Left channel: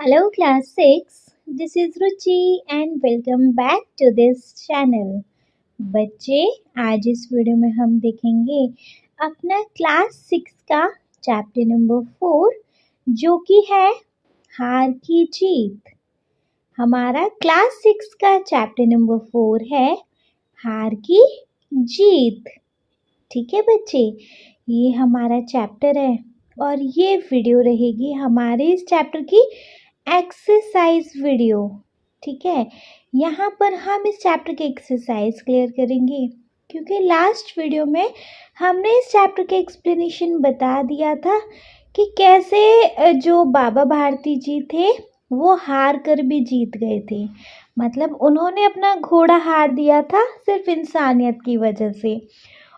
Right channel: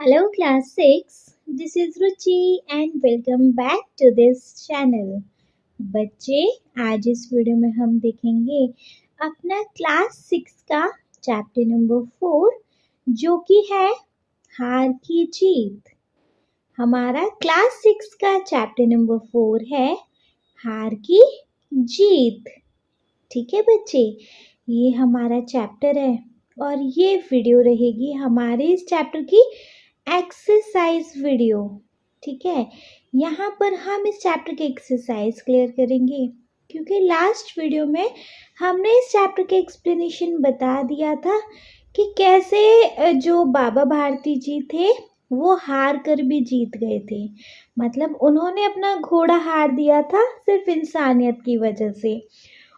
Hello class 6, this is Ruchi and welcome back to this channel. बच्चे आज इस video में हम देखेंगे अपना क्लास 6 का चैप्टर नंबर 4 जो कि है हार की जीत। हमारा क्लास 6 का चैप्टर नंबर 4 है हार की जीत। ठीक है बच्चे, ये हमारा चैप्टर है और ये वीडियो रहेगी हमारे इस चैप्टर की एक्सरसाइज वीडियो। ठीक है, यहाँ पर हम इस चैप्टर की एक्सरसाइज क्लियर करेंगे क्योंकि लास्ट वीडियो में हमने इस चैप्टर के एक्सप्लेनेशन बता दिया था कि कैसे जो बाबा भारती जी थे वो हार कर भी जीत गए थे। मतलब उन्होंने अपना घोड़ा हार दिया था सिर्फ इंसानियत की वजह से,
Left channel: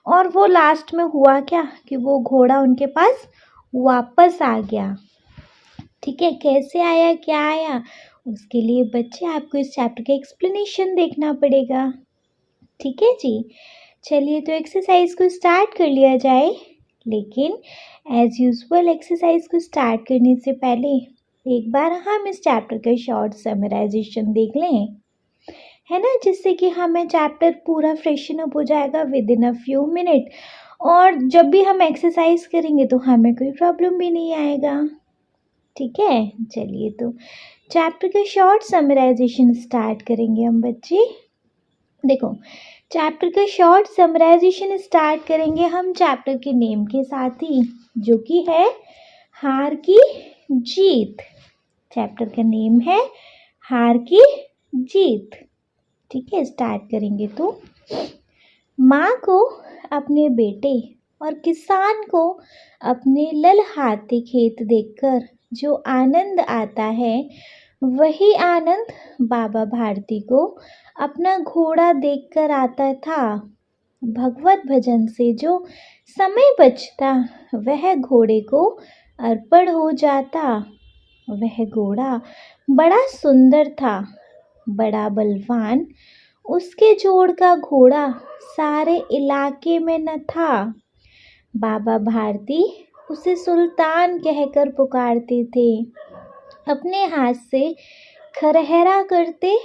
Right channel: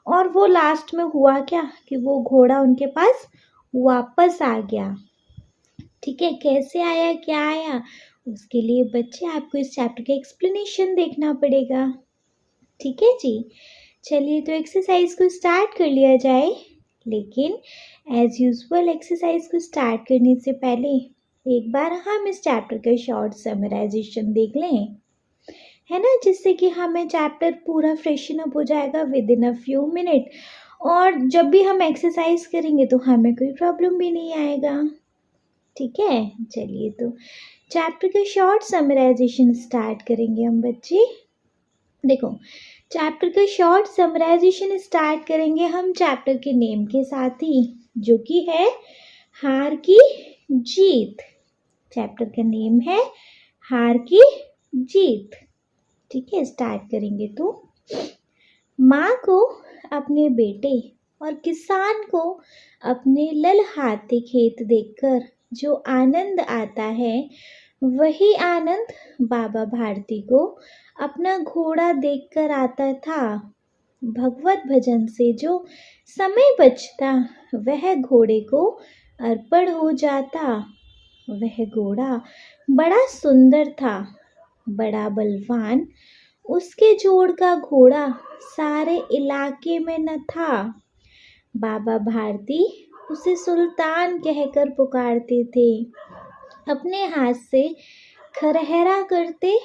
और वो लास्ट में हुआ क्या कि वो घोड़ा उनके पास वापस आ गया। ठीक है, कैसे आया, क्या आया, उसके लिए बच्चे आपको इस चैप्टर का एक्सप्लेनेशन देखना पड़ेगा। ठीक है जी, चलिए तो एक्सरसाइज को स्टार्ट कर लिया जाए। लेकिन एज यूजुअल एक्सरसाइज को स्टार्ट करने से पहले एक बार हम इस चैप्टर का शॉर्ट समराइजेशन देख लें, है ना, जिससे कि हमें चैप्टर पूरा फ्रेशन अप हो जाएगा with in a few minute, और जब भी हम एक्सरसाइज करेंगे तो हमें कोई प्रॉब्लम भी नहीं आएगा। ठीक है, चलिए तो चैप्टर का शॉर्ट समराइजेशन स्टार्ट करेंगे हम बच्चे। देखो, चैप्टर का शॉर्ट समराइजेशन स्टार्ट करेंगे हम चैप्टर के नेम के साथ ही, जो कि है हार की जीत। चैप्टर का नेम है हार की जीत। ठीक है, स्टार्ट करेंगे तो माँ को अपने बेटे और किसान को अपने ललहाते खेत देखकर जो आनंद आता है, वही आनंद बाबा भारती को अपना घोड़ा देखकर आता था। भगवत भजन से जो समय बचता वह घोड़े को अर्पण हो जाता। वह घोड़ा बड़ा सुंदर था, बड़ा बलवान, उसके जोड़ का घोड़ा सारे इलाके में न था। बाबा भारती उसे सुल्तान कहकर पुकारते थे, अपने हाथ से खरहरा करते,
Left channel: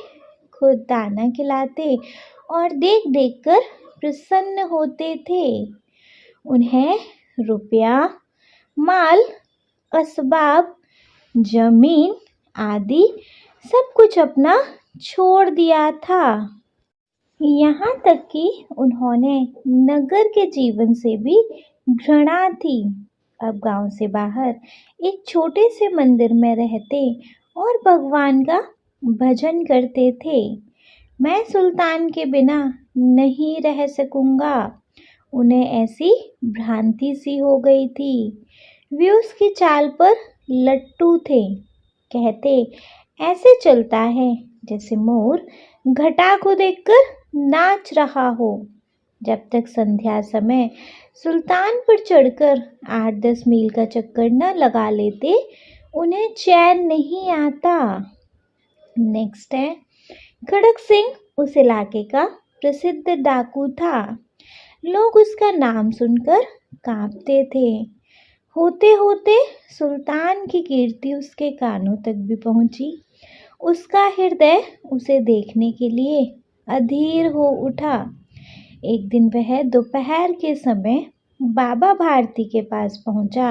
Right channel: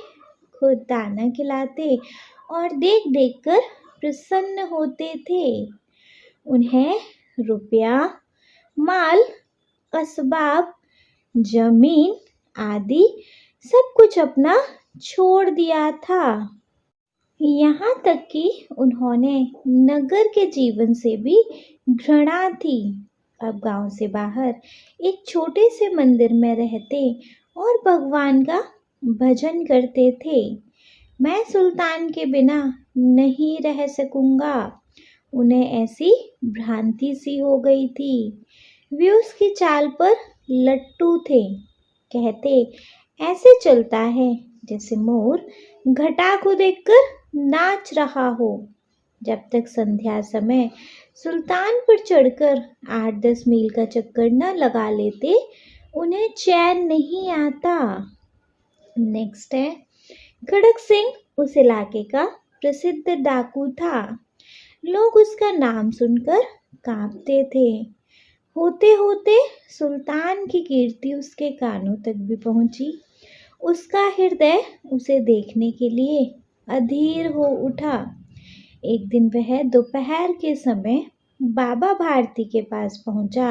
खुद दाना खिलाते और देख देख कर प्रसन्न होते थे। उन्हें रुपया, माल, असबाब, जमीन आदि सब कुछ अपना छोड़ दिया था। यहाँ तक कि उन्होंने नगर के जीवन से भी घृणा थी। अब गांव से बाहर एक छोटे से मंदिर में रहते और भगवान का भजन करते थे। मैं सुल्तान के बिना नहीं रह सकूंगा, उन्हें ऐसी भ्रांति सी हो गई थी। वे उसकी चाल पर लट्टू थे। कहते ऐसे चलता है जैसे मोर घटा को देखकर नाच रहा हो। जब तक संध्या समय सुल्तान पर चढ़कर 8-10 मील का चक्कर न लगा लेते, उन्हें चैन नहीं आता। नेक्स्ट है, खड़क सिंह उस इलाके का प्रसिद्ध डाकू था। लोग उसका नाम सुनकर कांपते थे। होते होते सुल्तान की कीर्ति उसके कानों तक भी पहुंची। उसका हृदय उसे देखने के लिए अधीर हो उठा। एक दिन वह दोपहर के समय बाबा भारती के पास पहुंचा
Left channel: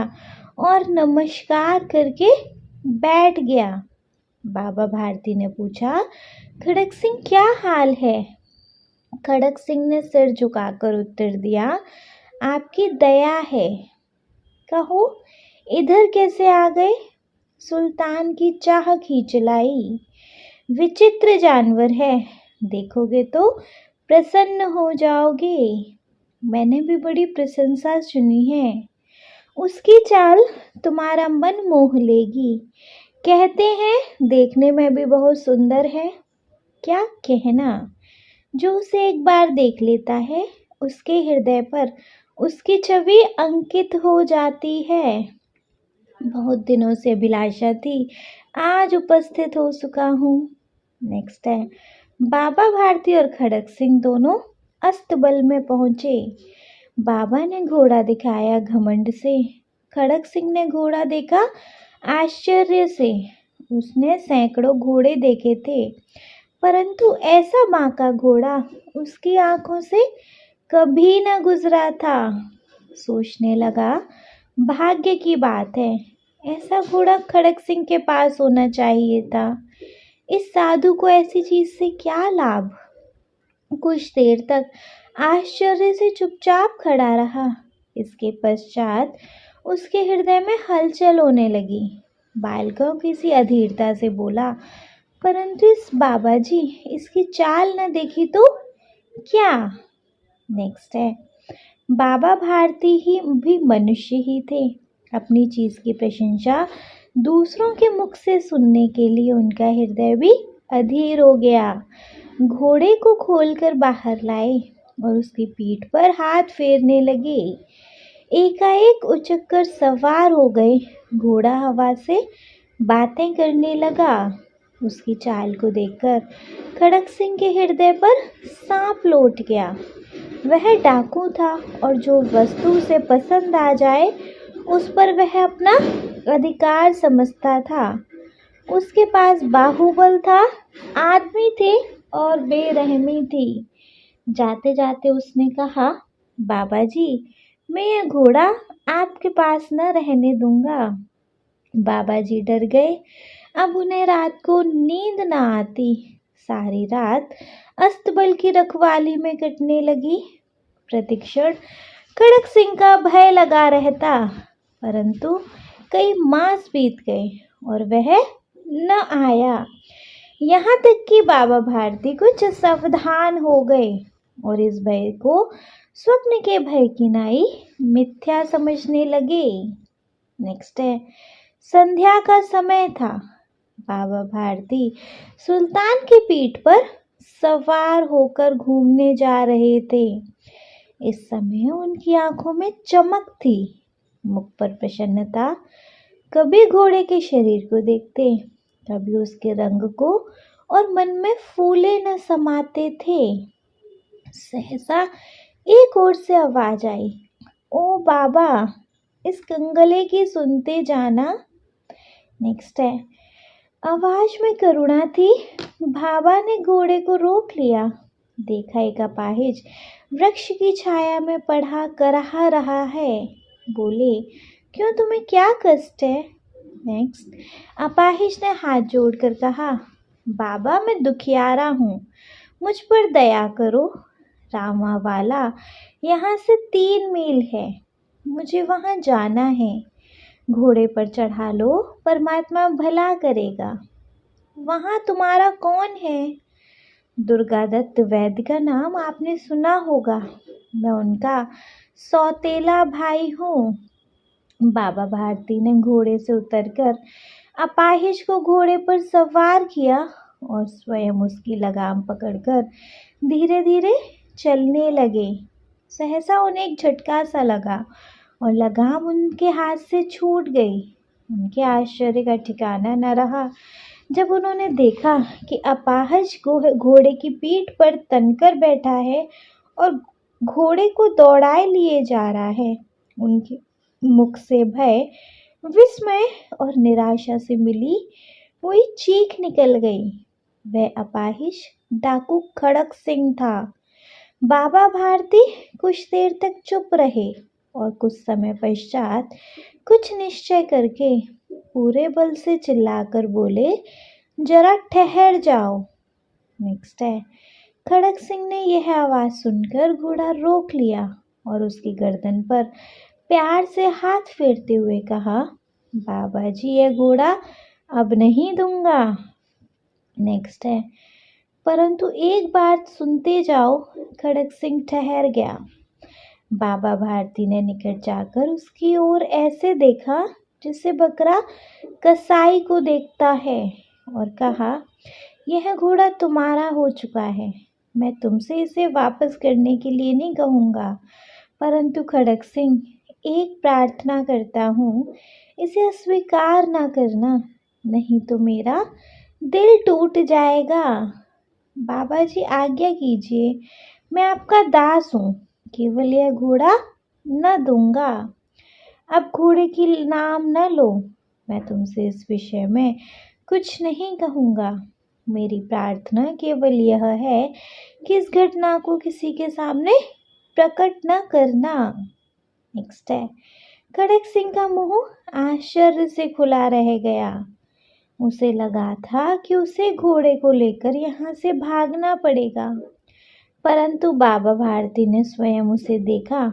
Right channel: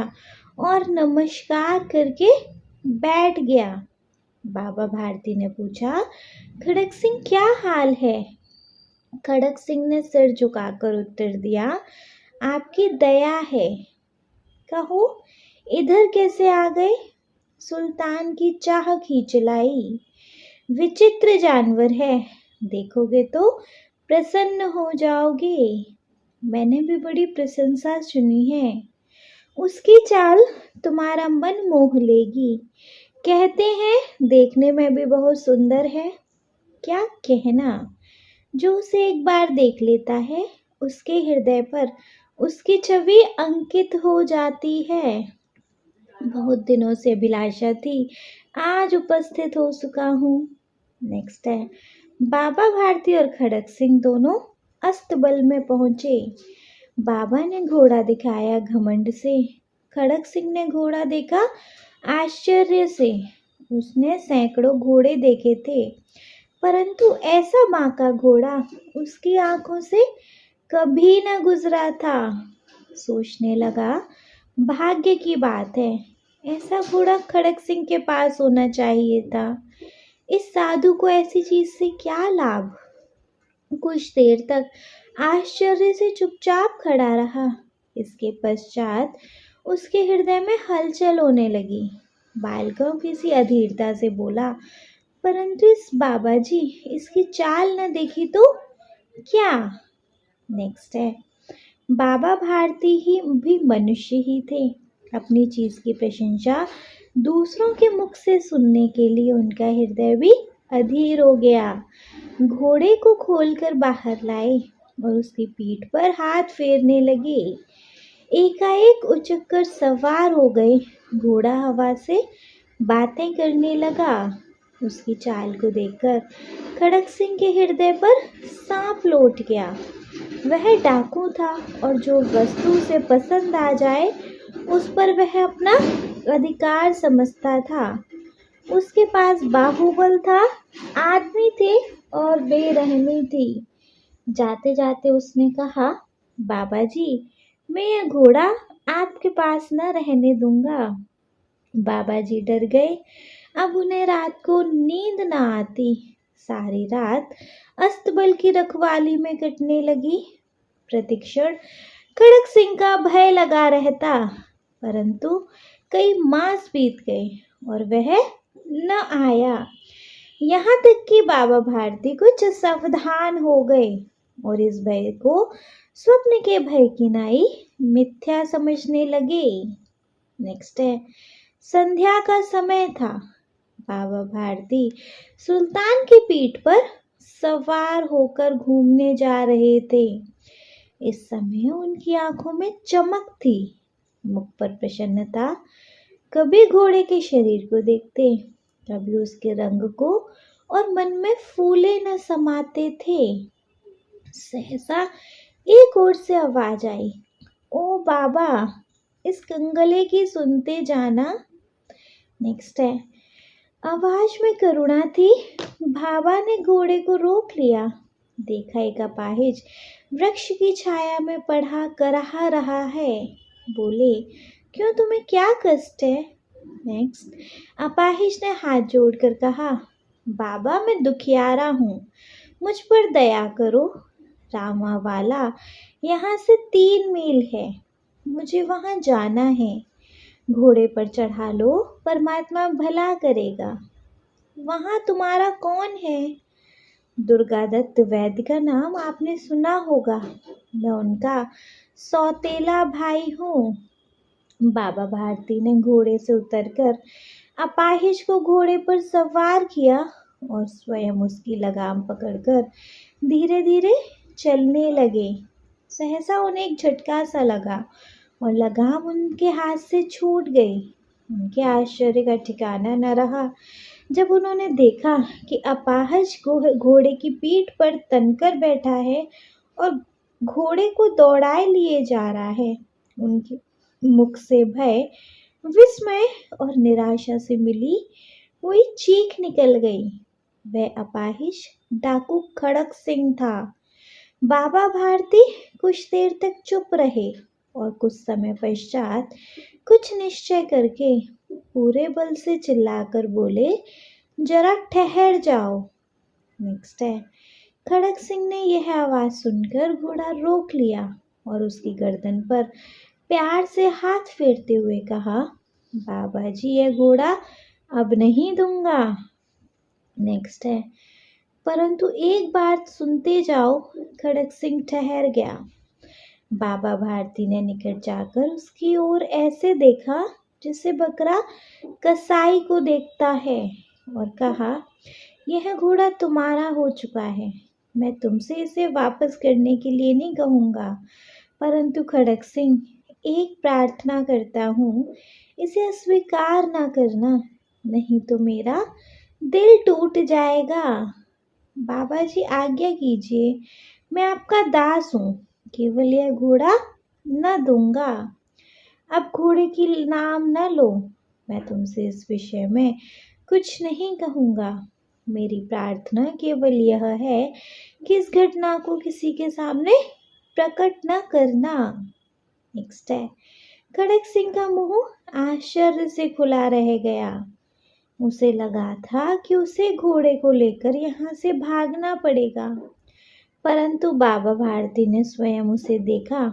और नमस्कार करके बैठ गया। बाबा भारती ने पूछा, खड़क सिंह क्या हाल है? खड़क सिंह ने सिर झुकाकर उत्तर दिया, आपकी दया है। कहो, इधर कैसे आ गए? सुल्तान की चाह खींच लाई। विचित्र जानवर है, देखोगे तो प्रसन्न हो जाओगे। मैंने भी बड़ी प्रशंसा सुनी है। उसकी चाल तुम्हारा मन मोह लेगी। कहते हैं देखने में भी बहुत सुंदर है। क्या कहना, जो उसे एक बार देख लेता है उसके हृदय पर उसकी छवि अंकित हो जाती है। बहुत दिनों से अभिलाषा थी, आज उपस्थित हो चुका हूँ। नेक्स्ट है, बाबा भारती और खड़क सिंह दोनों अस्तबल में पहुंचे। बाबा ने घोड़ा दिखाया घमंड से, खड़क सिंह ने घोड़ा देखा आश्चर्य से। उसने सैकड़ों घोड़े देखे थे, परंतु ऐसा बांका घोड़ा उसकी आंखों से कभी न गुजरा था। सोचने लगा, भाग्य की बात है, ऐसा घोड़ा खड़क सिंह के पास होना चाहिए था। इस साधु को ऐसी चीज से क्या लाभ। कुछ देर तक आश्चर्य से चुपचाप खड़ा रहा। इसके पश्चात उसके हृदय में हलचल होने लगी। बालकों किसी अधीरता से बोला, परंतु इस बाबा जी, इसकी चाल न देखी तो क्या। नेक्स्ट है, बाबा भारती ही भी मनुष्य ही थे। अपनी चीज की प्रशंसा दूसरों के मुख से सुनने के लिए उनका हृदय भी अधीर हो गया। घोड़े को खोलकर बाहर लाए और उसकी पीठ पर हाथ फेरने लगे। एकाएक उचक कर सवार हो गए। घोड़ा हवा से बातें करने लगा। उसकी चाल को देखकर खड़क सिंह के हृदय पर सांप लौट गया। वह डाकू था और जो वस्तु उसे पसंद आ जाए उस पर वह अपना अधिकार समझता था। उसके पास बाहुबल था, आदमी थे और बेरहमी थी। जाते जाते उसने कहा, बाबा जी, मैं यह घोड़ा आपके पास न रहने दूंगा। बाबा जी डर गए। अब उन्हें रात को नींद न आती। सारी रात अस्तबल की रखवाली में कटने लगी। प्रतिक्षण खड़क सिंह का भय लगा रहता, परंतु कई मास बीत गए और वह न आया। यहाँ तक कि बाबा भारती कुछ सावधान हो गए और इस भय को स्वप्न के भय की नाई मिथ्या समझने लगे। नेक्स्ट है, संध्या का समय था। बाबा भारती सुल्तान की पीठ पर सवार होकर घूमने जा रहे थे। इस समय उनकी आंखों में चमक थी, मुख पर प्रसन्नता। कभी घोड़े के शरीर को देखते, कभी उसके रंग को, और मन में फूले न समाते थे। सहसा एक ओर से आवाज आई, ओ बाबा, इस कंगले की सुनते जाना। नेक्स्ट है, आवाज में करुणा थी। बाबा ने घोड़े को रोक लिया। देखा एक अपाहिज वृक्ष की छाया में पढ़ा करहा रहा है। बोले, क्यों, तुम्हें क्या कष्ट है। नेक्स्ट, अपाहिज ने हाथ जोड़कर कहा, बाबा, मैं दुखियारा हूँ, मुझ पर दया करो। रामा वाला यहाँ से 3 मील है, मुझे वहाँ जाना है। घोड़े पर चढ़ा लो, परमात्मा भला करेगा। वहाँ तुम्हारा कौन है। दुर्गादत्त वैद्य का नाम आपने सुना होगा, मैं उनका सौतेला भाई हूँ। बाबा भारती ने घोड़े से उतरकर अपाहिज को घोड़े पर सवार किया और स्वयं उसकी लगाम पकड़कर धीरे धीरे चलने लगे। सहसा उन्हें एक झटका सा लगा और लगाम उनके हाथ से छूट गई। उनके आश्चर्य का ठिकाना न रहा जब उन्होंने देखा कि अपाहिज घोड़े की पीठ पर तनकर बैठा है और घोड़े को दौड़ाए लिए जा रहा है। उनके मुख से भय, विस्मय और निराशा से मिली हुई चीख निकल गई। वह अपाहिज डाकू खड़क सिंह था। बाबा भारती कुछ देर तक चुप रहे और कुछ समय पश्चात कुछ निश्चय करके पूरे बल से चिल्लाकर बोले, जरा ठहर जाओ। नेक्स्ट है, खड़क सिंह ने यह आवाज सुनकर घोड़ा रोक लिया और उसकी गर्दन पर प्यार से हाथ फेरते हुए कहा, बाबा जी, यह घोड़ा अब नहीं दूंगा। नेक्स्ट है, परंतु एक बात सुनते जाओ। खड़क सिंह ठहर गया। बाबा भारती ने निकट जाकर उसकी ओर ऐसे देखा जैसे बकरा कसाई को देखता है और कहा, यह घोड़ा तुम्हारा हो चुका है। मैं तुमसे इसे वापस करने के लिए नहीं कहूँगा, परंतु खड़क सिंह, एक प्रार्थना करता हूँ, इसे अस्वीकार ना करना, नहीं तो मेरा दिल टूट जाएगा। बाबा जी, आज्ञा कीजिए, मैं आपका दास हूँ, केवल यह घोड़ा न दूंगा। अब घोड़े की नाम न लो। मैं तुमसे इस विषय में कुछ नहीं कहूँगा। मेरी प्रार्थना केवल यह है कि इस घटना को किसी के सामने प्रकट न करना। नेक्स्ट है, खड़क सिंह का मुंह आश्चर्य से खुला रह गया। उसे लगा था कि उसे घोड़े को लेकर यहाँ से भागना पड़ेगा, परंतु बाबा भारती ने स्वयं उसे देखा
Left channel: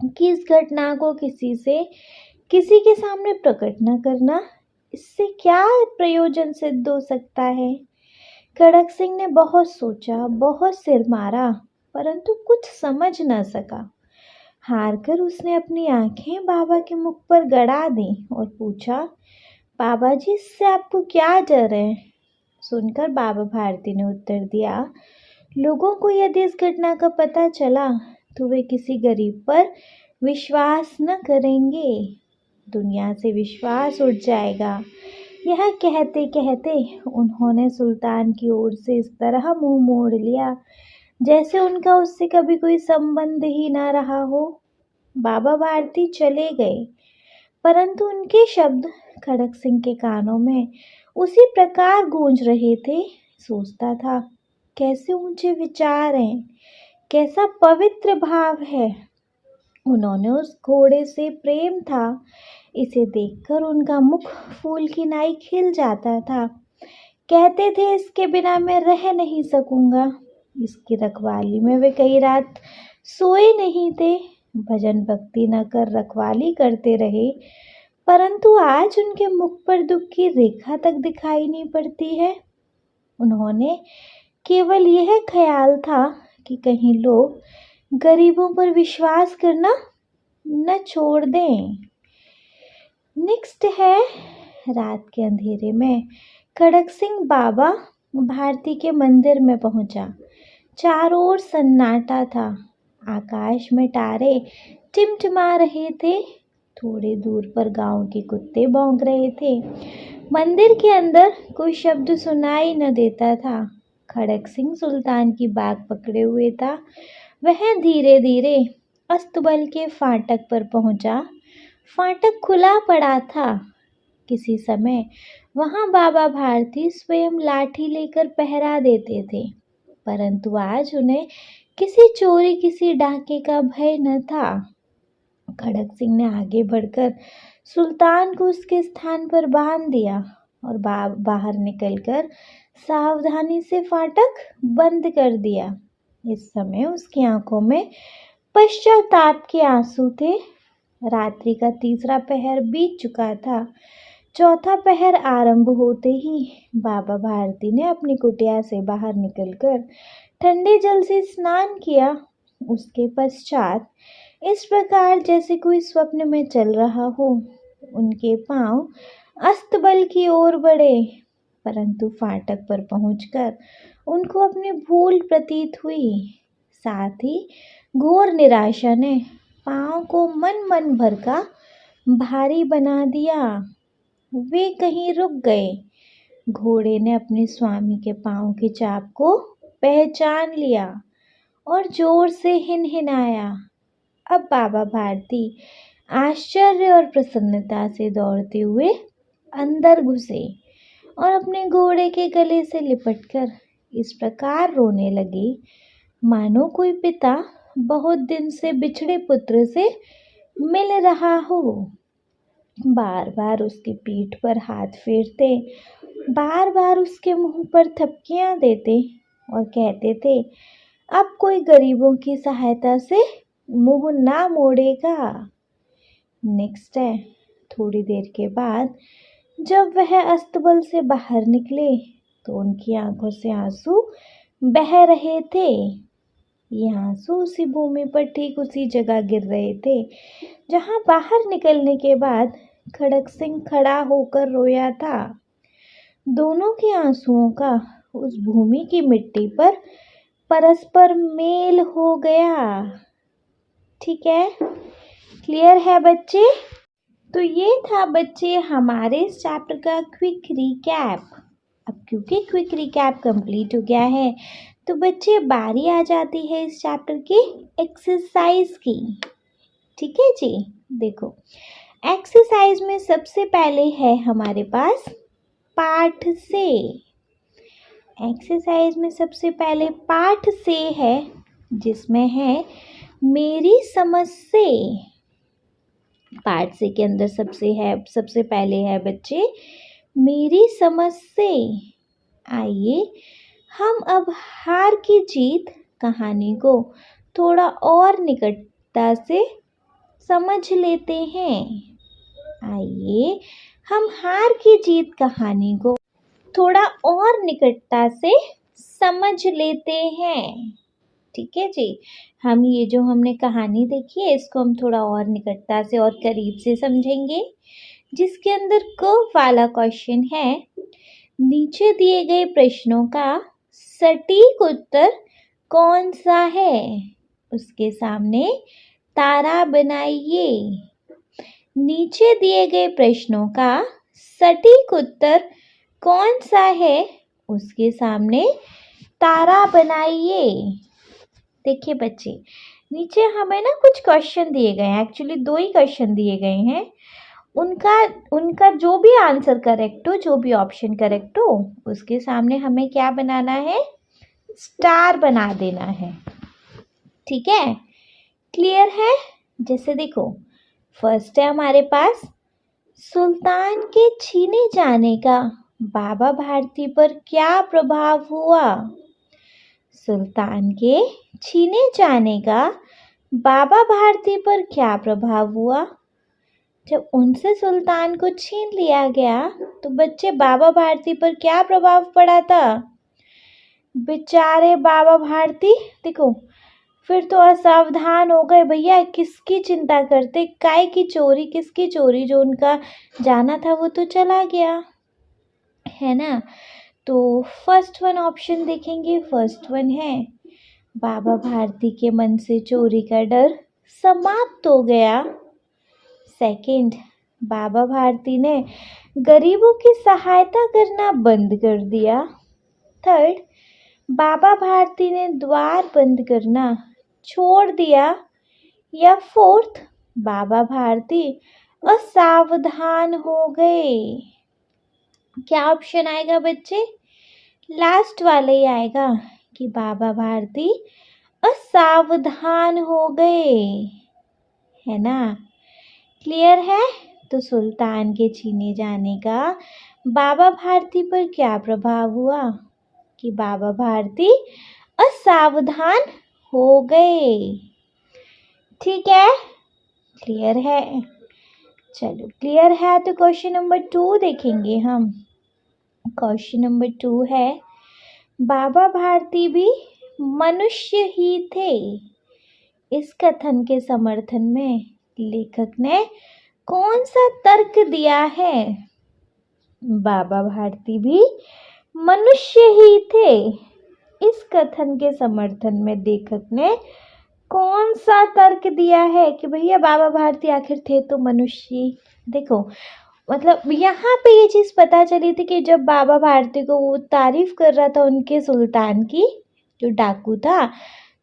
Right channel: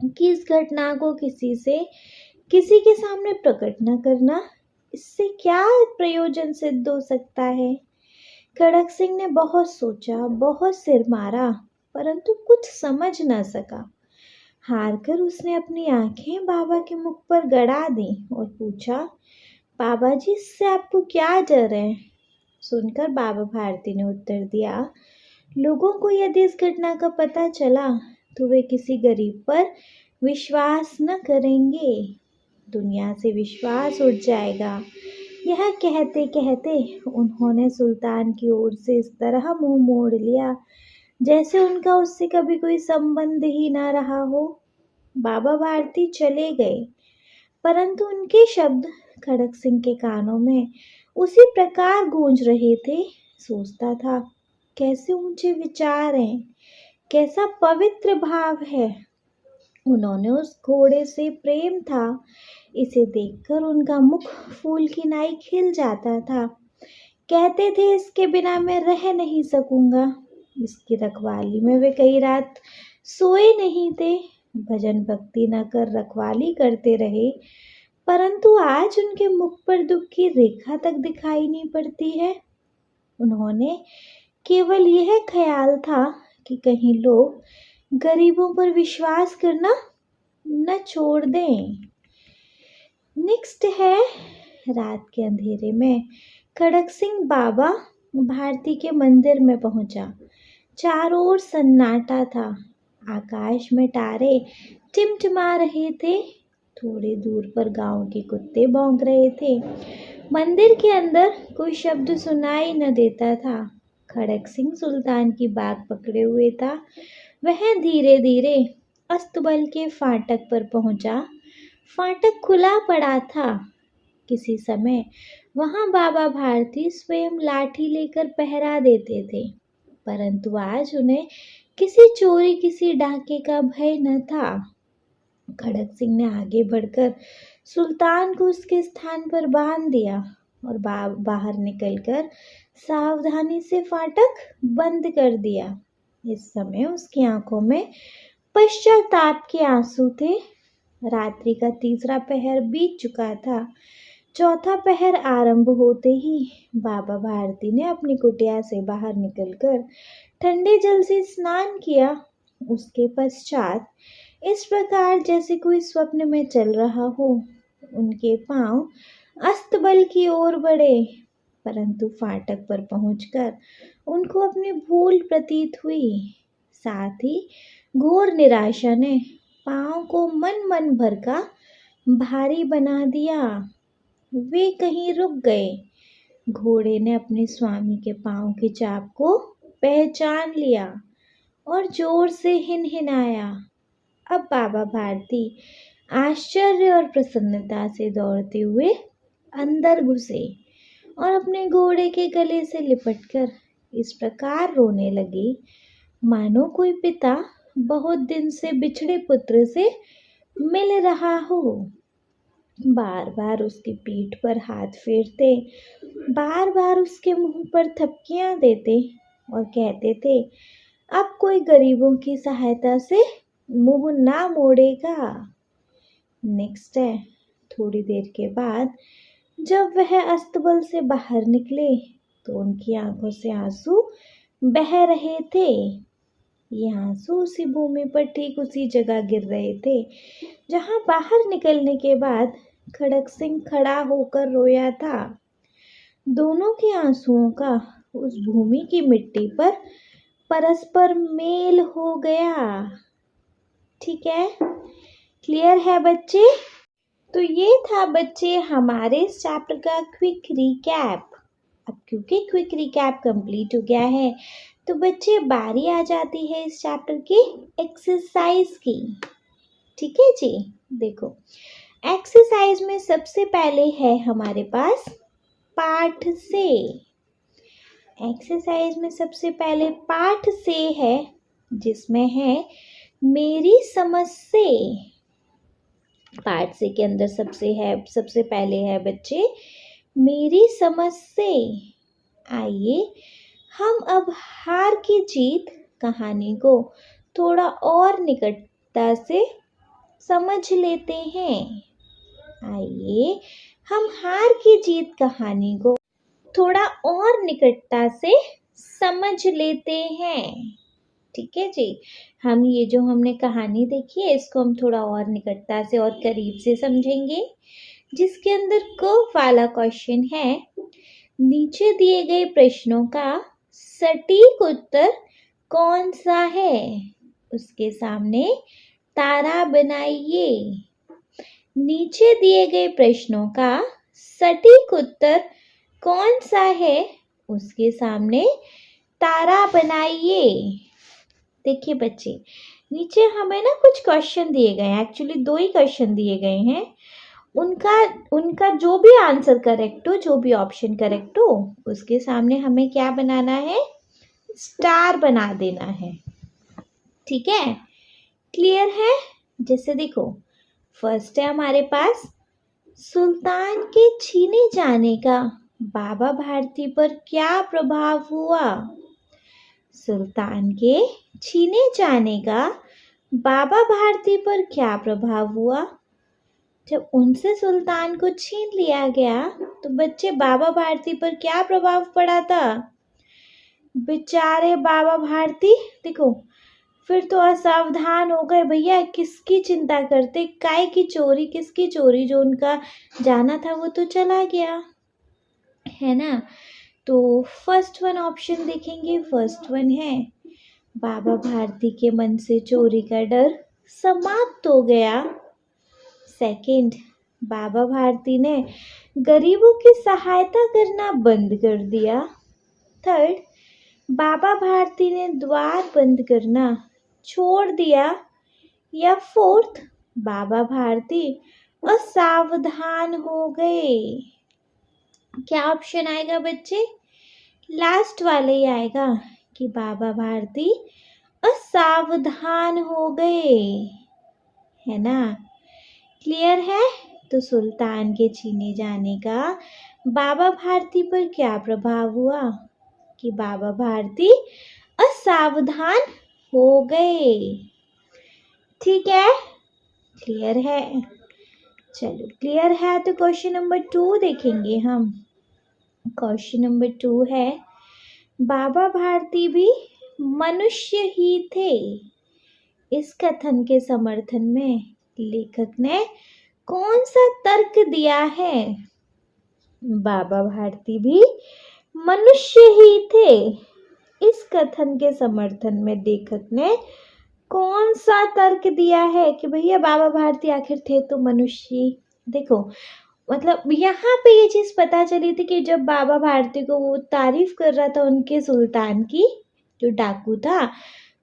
कि इस घटना को किसी के सामने प्रकट न करना, इससे क्या प्रयोजन सिद्ध हो सकता है। खड़क सिंह ने बहुत सोचा, बहुत सिर मारा, परंतु कुछ समझ न सका। हार कर उसने अपनी आंखें बाबा के मुख पर गड़ा दी और पूछा, बाबा जी, इससे आपको क्या डर है? सुनकर बाबा भारती ने उत्तर दिया, लोगों को यदि इस घटना का पता चला तो वे किसी गरीब पर विश्वास न करेंगे, दुनिया से विश्वास उठ जाएगा। यह कहते कहते उन्होंने सुल्तान की ओर से इस तरह मुंह मोड़ लिया जैसे उनका उससे कभी कोई संबंध ही न रहा हो। बाबा भारती चले गए, परंतु उनके शब्द खड़क सिंह के कानों में उसी प्रकार गूंज रहे थे। सोचता था, कैसे ऊंचे विचार हैं, कैसा पवित्र भाव है। उन्होंने उस घोड़े से प्रेम था, इसे देखकर उनका मुख फूल की नाई खिल जाता था। कहते थे, इसके बिना मैं रह नहीं सकूंगा। इसकी रखवाली में वे कई रात सोए नहीं थे, भजन भक्ति न कर रखवाली करते रहे, परंतु आज उनके मुख पर दुख की रेखा तक दिखाई नहीं पड़ती है। उन्होंने केवल यह ख्याल था कि कहीं लोग गरीबों पर विश्वास करना न छोड़ दें। नेक्स्ट है, रात के अंधेरे में खड़क सिंह बाबा भारती के मंदिर में पहुंचा। चारों ओर सन्नाटा था, आकाश में तारे टिमटिमा रहे थे, थोड़े दूर पर गांव के कुत्ते भौंक रहे थे। मंदिर के अंदर कोई शब्द सुनाई न देता था। खड़क सिंह सुल्तान की बाग पकड़े हुए था। वह धीरे धीरे अस्तबल के फाटक पर पहुंचा। फाटक खुला पड़ा था। किसी समय वहां बाबा भारती स्वयं लाठी लेकर पहरा देते थे, परंतु आज उन्हें किसी चोरी, किसी डाके का भय न था। खड़क सिंह ने आगे बढ़कर सुल्तान को उसके स्थान पर बांध दिया और बाहर निकलकर सावधानी से फाटक बंद कर दिया। इस समय उसकी आंखों में पश्चाताप के आंसू थे। रात्रि का तीसरा पहर बीत चुका था। चौथा पहर आरंभ होते ही बाबा भारती ने अपनी कुटिया से बाहर निकलकर ठंडे जल से स्नान किया। उसके पश्चात इस प्रकार जैसे कोई स्वप्न में चल रहा हो, उनके पांव अस्तबल की ओर बढ़े, परंतु फाटक पर पहुंचकर उनको अपनी भूल प्रतीत हुई। साथ ही घोर निराशा ने पांव को मन भर का भारी बना दिया। वे कहीं रुक गए। घोड़े ने अपने स्वामी के पांव की चाप को पहचान लिया और जोर से हिनहिनाया। अब बाबा भारती आश्चर्य और प्रसन्नता से दौड़ते हुए अंदर घुसे और अपने घोड़े के गले से लिपटकर इस प्रकार रोने लगे मानो कोई पिता बहुत दिन से बिछड़े पुत्र से मिल रहा हो। बार बार उसकी पीठ पर हाथ फेरते, बार बार उसके मुंह पर थपकियां देते और कहते थे, अब कोई गरीबों की सहायता से मुंह ना मोड़ेगा। नेक्स्ट है, थोड़ी देर के बाद जब वह अस्तबल से बाहर निकले तो उनकी आंखों से आंसू बह रहे थे। ये आंसू उसी भूमि पर ठीक उसी जगह गिर रहे थे जहां बाहर निकलने के बाद खड़क सिंह खड़ा होकर रोया था। दोनों के आंसुओं का उस भूमि की मिट्टी पर परस्पर मेल हो गया। ठीक है, क्लियर है बच्चे? तो ये था बच्चे हमारे इस चैप्टर का क्विक रिकैप। अब क्योंकि क्विक रिकैप कंप्लीट हो गया है तो बच्चे बारी आ जाती है इस चैप्टर की एक्सरसाइज की। ठीक है जी, देखो एक्सरसाइज में सबसे पहले है हमारे पास पाठ से। एक्सरसाइज में सबसे पहले पाठ से है, जिसमें है मेरी समझ से। पाठ से के अंदर सबसे पहले है बच्चे मेरी समझ से। आइए हम अब हार की जीत कहानी को थोड़ा और निकटता से समझ लेते हैं। आइए हम हार की जीत कहानी को थोड़ा और निकटता से समझ लेते हैं। ठीक है जी, हम ये जो हमने कहानी देखी है इसको हम थोड़ा और निकटता से और करीब से समझेंगे, जिसके अंदर क वाला क्वेश्चन है, नीचे दिए गए प्रश्नों का सटीक उत्तर कौन सा है? उसके सामने तारा बनाइए। नीचे दिए गए प्रश्नों का सटीक उत्तर कौन सा है? उसके सामने तारा बनाइए। देखिए बच्चे, नीचे हमें ना कुछ क्वेश्चन दिए गए हैं, एक्चुअली 2 ही क्वेश्चन दिए गए हैं। उनका जो भी आंसर करेक्ट हो, जो भी ऑप्शन करेक्ट हो, उसके सामने हमें क्या बनाना है? स्टार बना देना है। ठीक है, क्लियर है? जैसे देखो, फर्स्ट है हमारे पास, सुल्तान के छीने जाने का बाबा भारती पर क्या प्रभाव हुआ? सुल्तान के छीने जाने का बाबा भारती पर क्या प्रभाव हुआ? जब उनसे सुल्तान को छीन लिया गया तो बच्चे बाबा भारती पर क्या प्रभाव पड़ा था? बेचारे बाबा भारती देखो फिर तो असावधान हो गए, भैया किसकी चिंता करते, काय की चोरी, किसकी चोरी, जो उनका जाना था वो तो चला गया, है ना। तो फर्स्ट वन ऑप्शन देखेंगे, फर्स्ट वन है बाबा भारती के मन से चोरी का डर समाप्त हो गया। सेकंड, बाबा भारती ने गरीबों की सहायता करना बंद कर दिया। थर्ड, बाबा भारती ने द्वार बंद करना छोड़ दिया। या फोर्थ, बाबा भारती असावधान हो गए। क्या ऑप्शन आएगा बच्चे? लास्ट वाले ही आएगा कि बाबा भारती असावधान हो गए, है ना। क्लियर है? तो सुल्तान के छीने जाने का बाबा भारती पर क्या प्रभाव हुआ? कि बाबा भारती असावधान हो गए। ठीक है, क्लियर है? चलो क्लियर है तो क्वेश्चन नंबर 2 देखेंगे हम। क्वेश्चन नंबर 2 है, बाबा भारती भी मनुष्य ही थे। इस कथन के समर्थन में लेखक ने कौन सा तर्क दिया है? बाबा भारती भी मनुष्य ही थे। इस कथन के समर्थन में लेखक ने कौन सा तर्क दिया है कि भैया बाबा भारती आखिर थे तो मनुष्य। देखो मतलब यहाँ पे ये चीज़ पता चली थी कि जब बाबा भारती को वो तारीफ कर रहा था उनके सुल्तान की, जो डाकू था,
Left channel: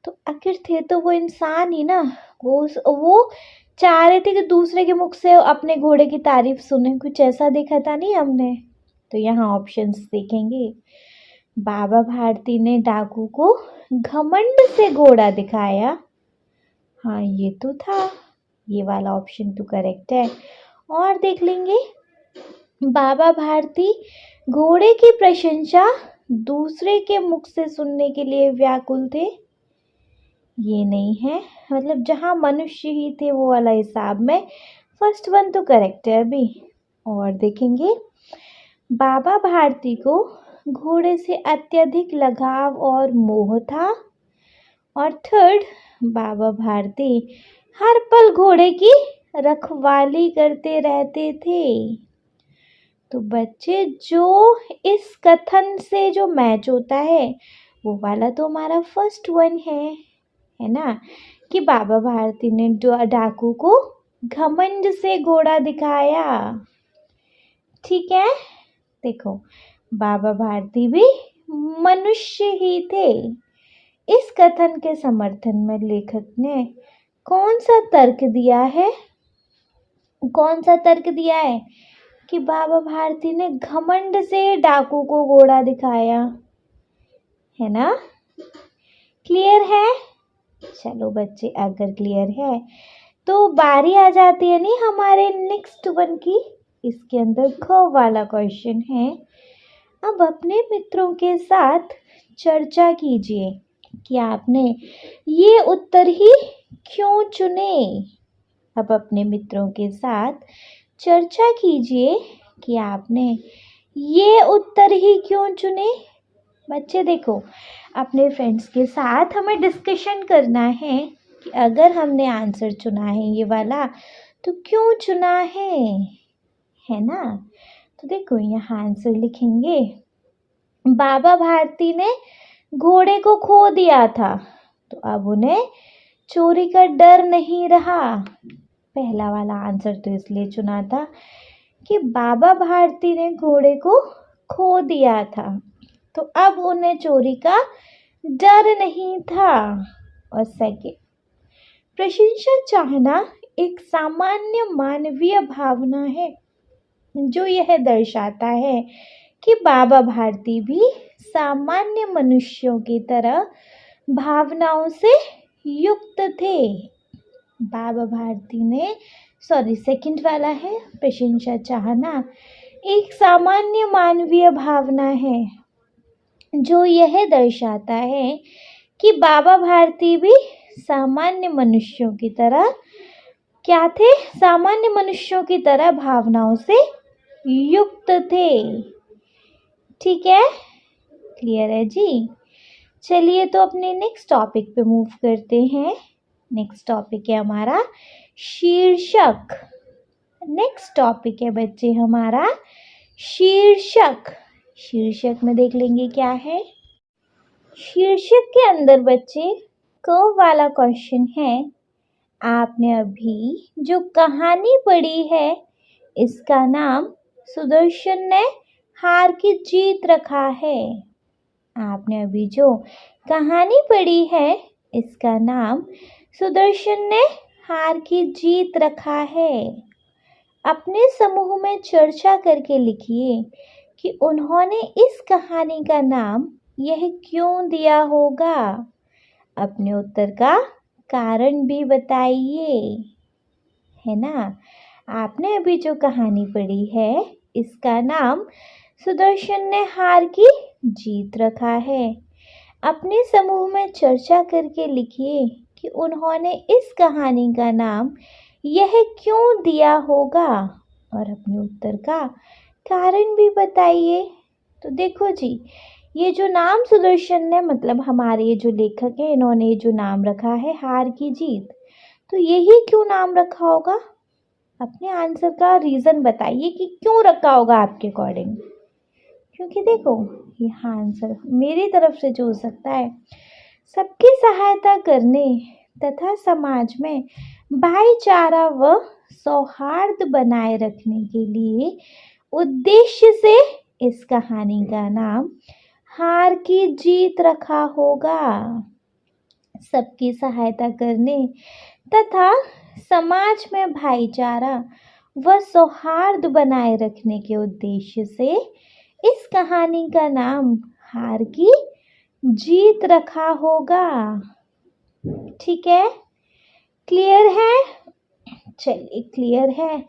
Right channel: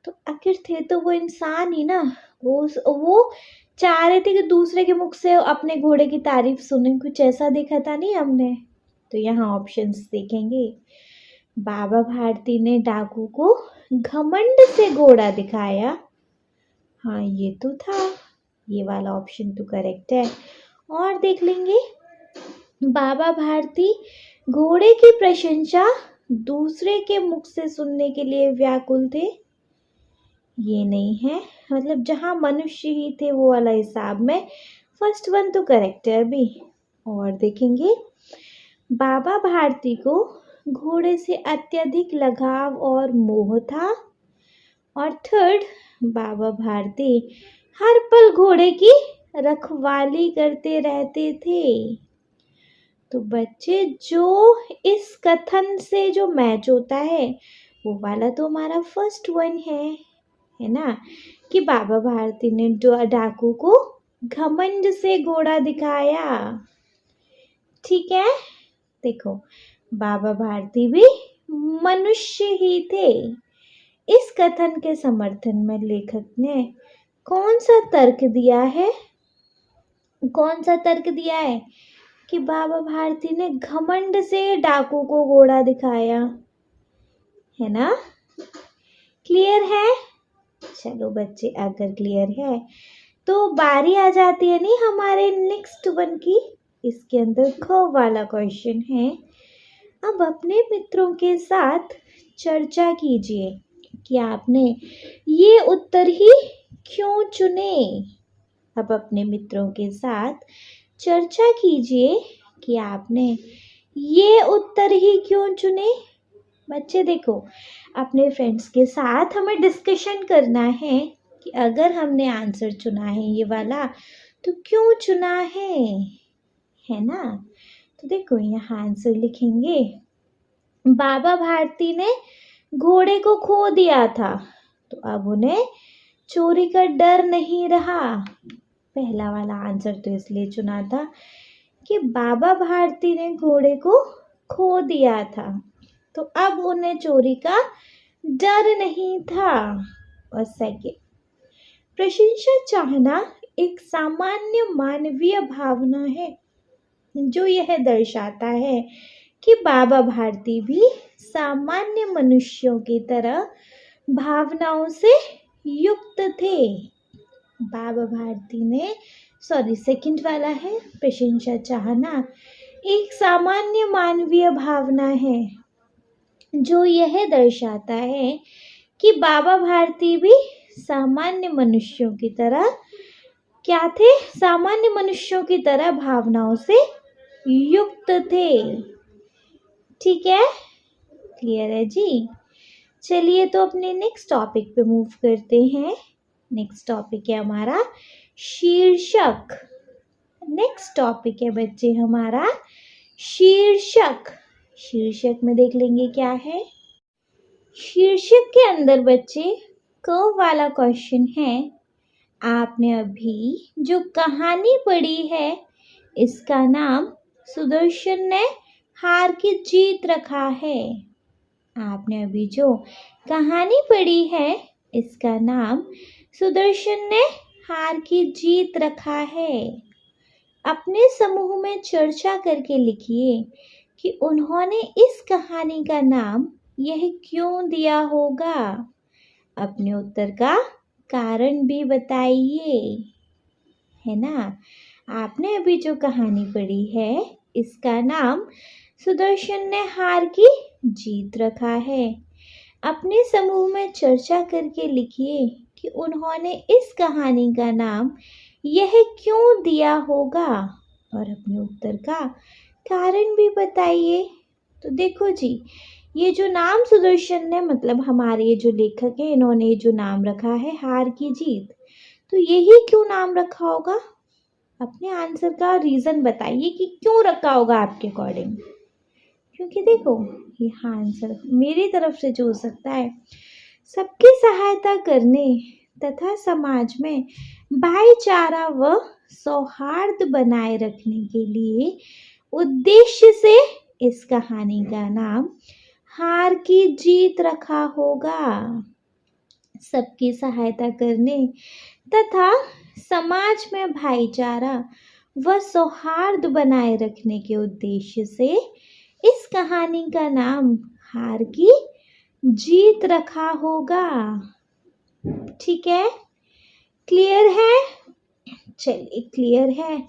तो आखिर थे तो वो इंसान ही ना। वो चाह रहे थे कि दूसरे के मुख से अपने घोड़े की तारीफ सुने, कुछ ऐसा देखा था नहीं हमने। तो यहाँ ऑप्शंस देखेंगे, बाबा भारती ने डाकू को घमंड से घोड़ा दिखाया। हाँ ये तो था, ये वाला ऑप्शन तो करेक्ट है। और देख लेंगे, बाबा भारती घोड़े की प्रशंसा दूसरे के मुख से सुनने के लिए व्याकुल थे। ये नहीं है, मतलब जहाँ मनुष्य ही थे वो वाला हिसाब में फर्स्ट वन तो करेक्ट है अभी। और देखेंगे, बाबा भारती को घोड़े से अत्यधिक लगाव और मोह था। और थर्ड, बाबा भारती हर पल घोड़े की रखवाली करते रहते थे। तो बच्चे जो इस कथन से जो मैच होता है वो वाला तो हमारा फर्स्ट वन है ना, कि बाबा भारती ने डाकू को घमंड से घोड़ा दिखाया। ठीक है, देखो बाबा भारती भी मनुष्य ही थे। इस कथन के समर्थन में लेखक ने कौन सा तर्क दिया है? कौन सा तर्क दिया है? कि बाबा भारती ने घमंड से डाकू को घोड़ा दिखाया, है ना? क्लियर है? चलो बच्चे, अगर क्लियर है तो बारी आ जाती है नहीं हमारे नेक्स्ट वन की। इसके अंदर ख वाला क्वेश्चन है। अब अपने मित्रों के साथ चर्चा कीजिए कि आपने ये उत्तर ही क्यों चुने। अब अपने मित्रों के साथ चर्चा कीजिए कि आपने ये उत्तर ही क्यों चुने। बच्चे देखो, अपने फ्रेंड्स के साथ हमें डिस्कशन करना है कि अगर हमने आंसर चुना है ये वाला तो क्यों चुना है ना? तो देखो यहाँ आंसर लिखेंगे, बाबा भारती ने घोड़े को खो दिया था तो अब उन्हें चोरी का डर नहीं रहा। पहला वाला आंसर तो इसलिए चुना था कि बाबा भारती ने घोड़े को खो दिया था तो अब उन्हें चोरी का डर नहीं था। और सेकंड, प्रशंसा चाहना एक सामान्य मानवीय भावना है जो यह दर्शाता है कि बाबा भारती भी सामान्य मनुष्यों की तरह भावनाओं से युक्त थे। बाबा भारती ने सेकंड वाला है, प्रशंसा चाहना एक सामान्य मानवीय भावना है जो यह दर्शाता है कि बाबा भारती भी सामान्य मनुष्यों की तरह क्या थे? सामान्य मनुष्यों की तरह भावनाओं से युक्त थे। ठीक है, क्लियर है जी? चलिए तो अपने नेक्स्ट टॉपिक पे मूव करते हैं। नेक्स्ट टॉपिक है हमारा शीर्षक। नेक्स्ट टॉपिक है बच्चे हमारा शीर्षक। शीर्षक में देख लेंगे क्या है। शीर्षक के अंदर बच्चे क वाला क्वेश्चन है, आपने अभी जो कहानी पढ़ी है इसका नाम सुदर्शन ने हार की जीत रखा है। आपने अभी जो कहानी पढ़ी है इसका नाम सुदर्शन ने हार की जीत रखा है। अपने समूह में चर्चा करके लिखिए कि उन्होंने इस कहानी का नाम यह क्यों दिया होगा। अपने उत्तर का कारण भी बताइए, है ना? आपने अभी जो कहानी पढ़ी है इसका नाम सुदर्शन ने हार की जीत रखा है। अपने समूह में चर्चा करके लिखिए कि उन्होंने इस कहानी का नाम यह क्यों दिया होगा और अपने उत्तर का कारण भी बताइए। तो देखो जी, ये जो नाम सुदर्शन ने मतलब हमारे ये जो लेखक हैं इन्होंने जो नाम रखा है हार की जीत, तो यही क्यों नाम रखा होगा। अपने आंसर का रीज़न बताइए कि क्यों रखा होगा आपके अकॉर्डिंग। क्योंकि देखो यहाँ आंसर मेरी तरफ से जो हो सकता है, सबकी सहायता करने तथा समाज में भाईचारा व सौहार्द बनाए रखने के लिए उद्देश्य से इस कहानी का नाम हार की जीत रखा होगा। सबकी सहायता करने तथा समाज में भाईचारा व सौहार्द बनाए रखने के उद्देश्य से इस कहानी का नाम हार की जीत रखा होगा। ठीक है, क्लियर है? चलिए क्लियर है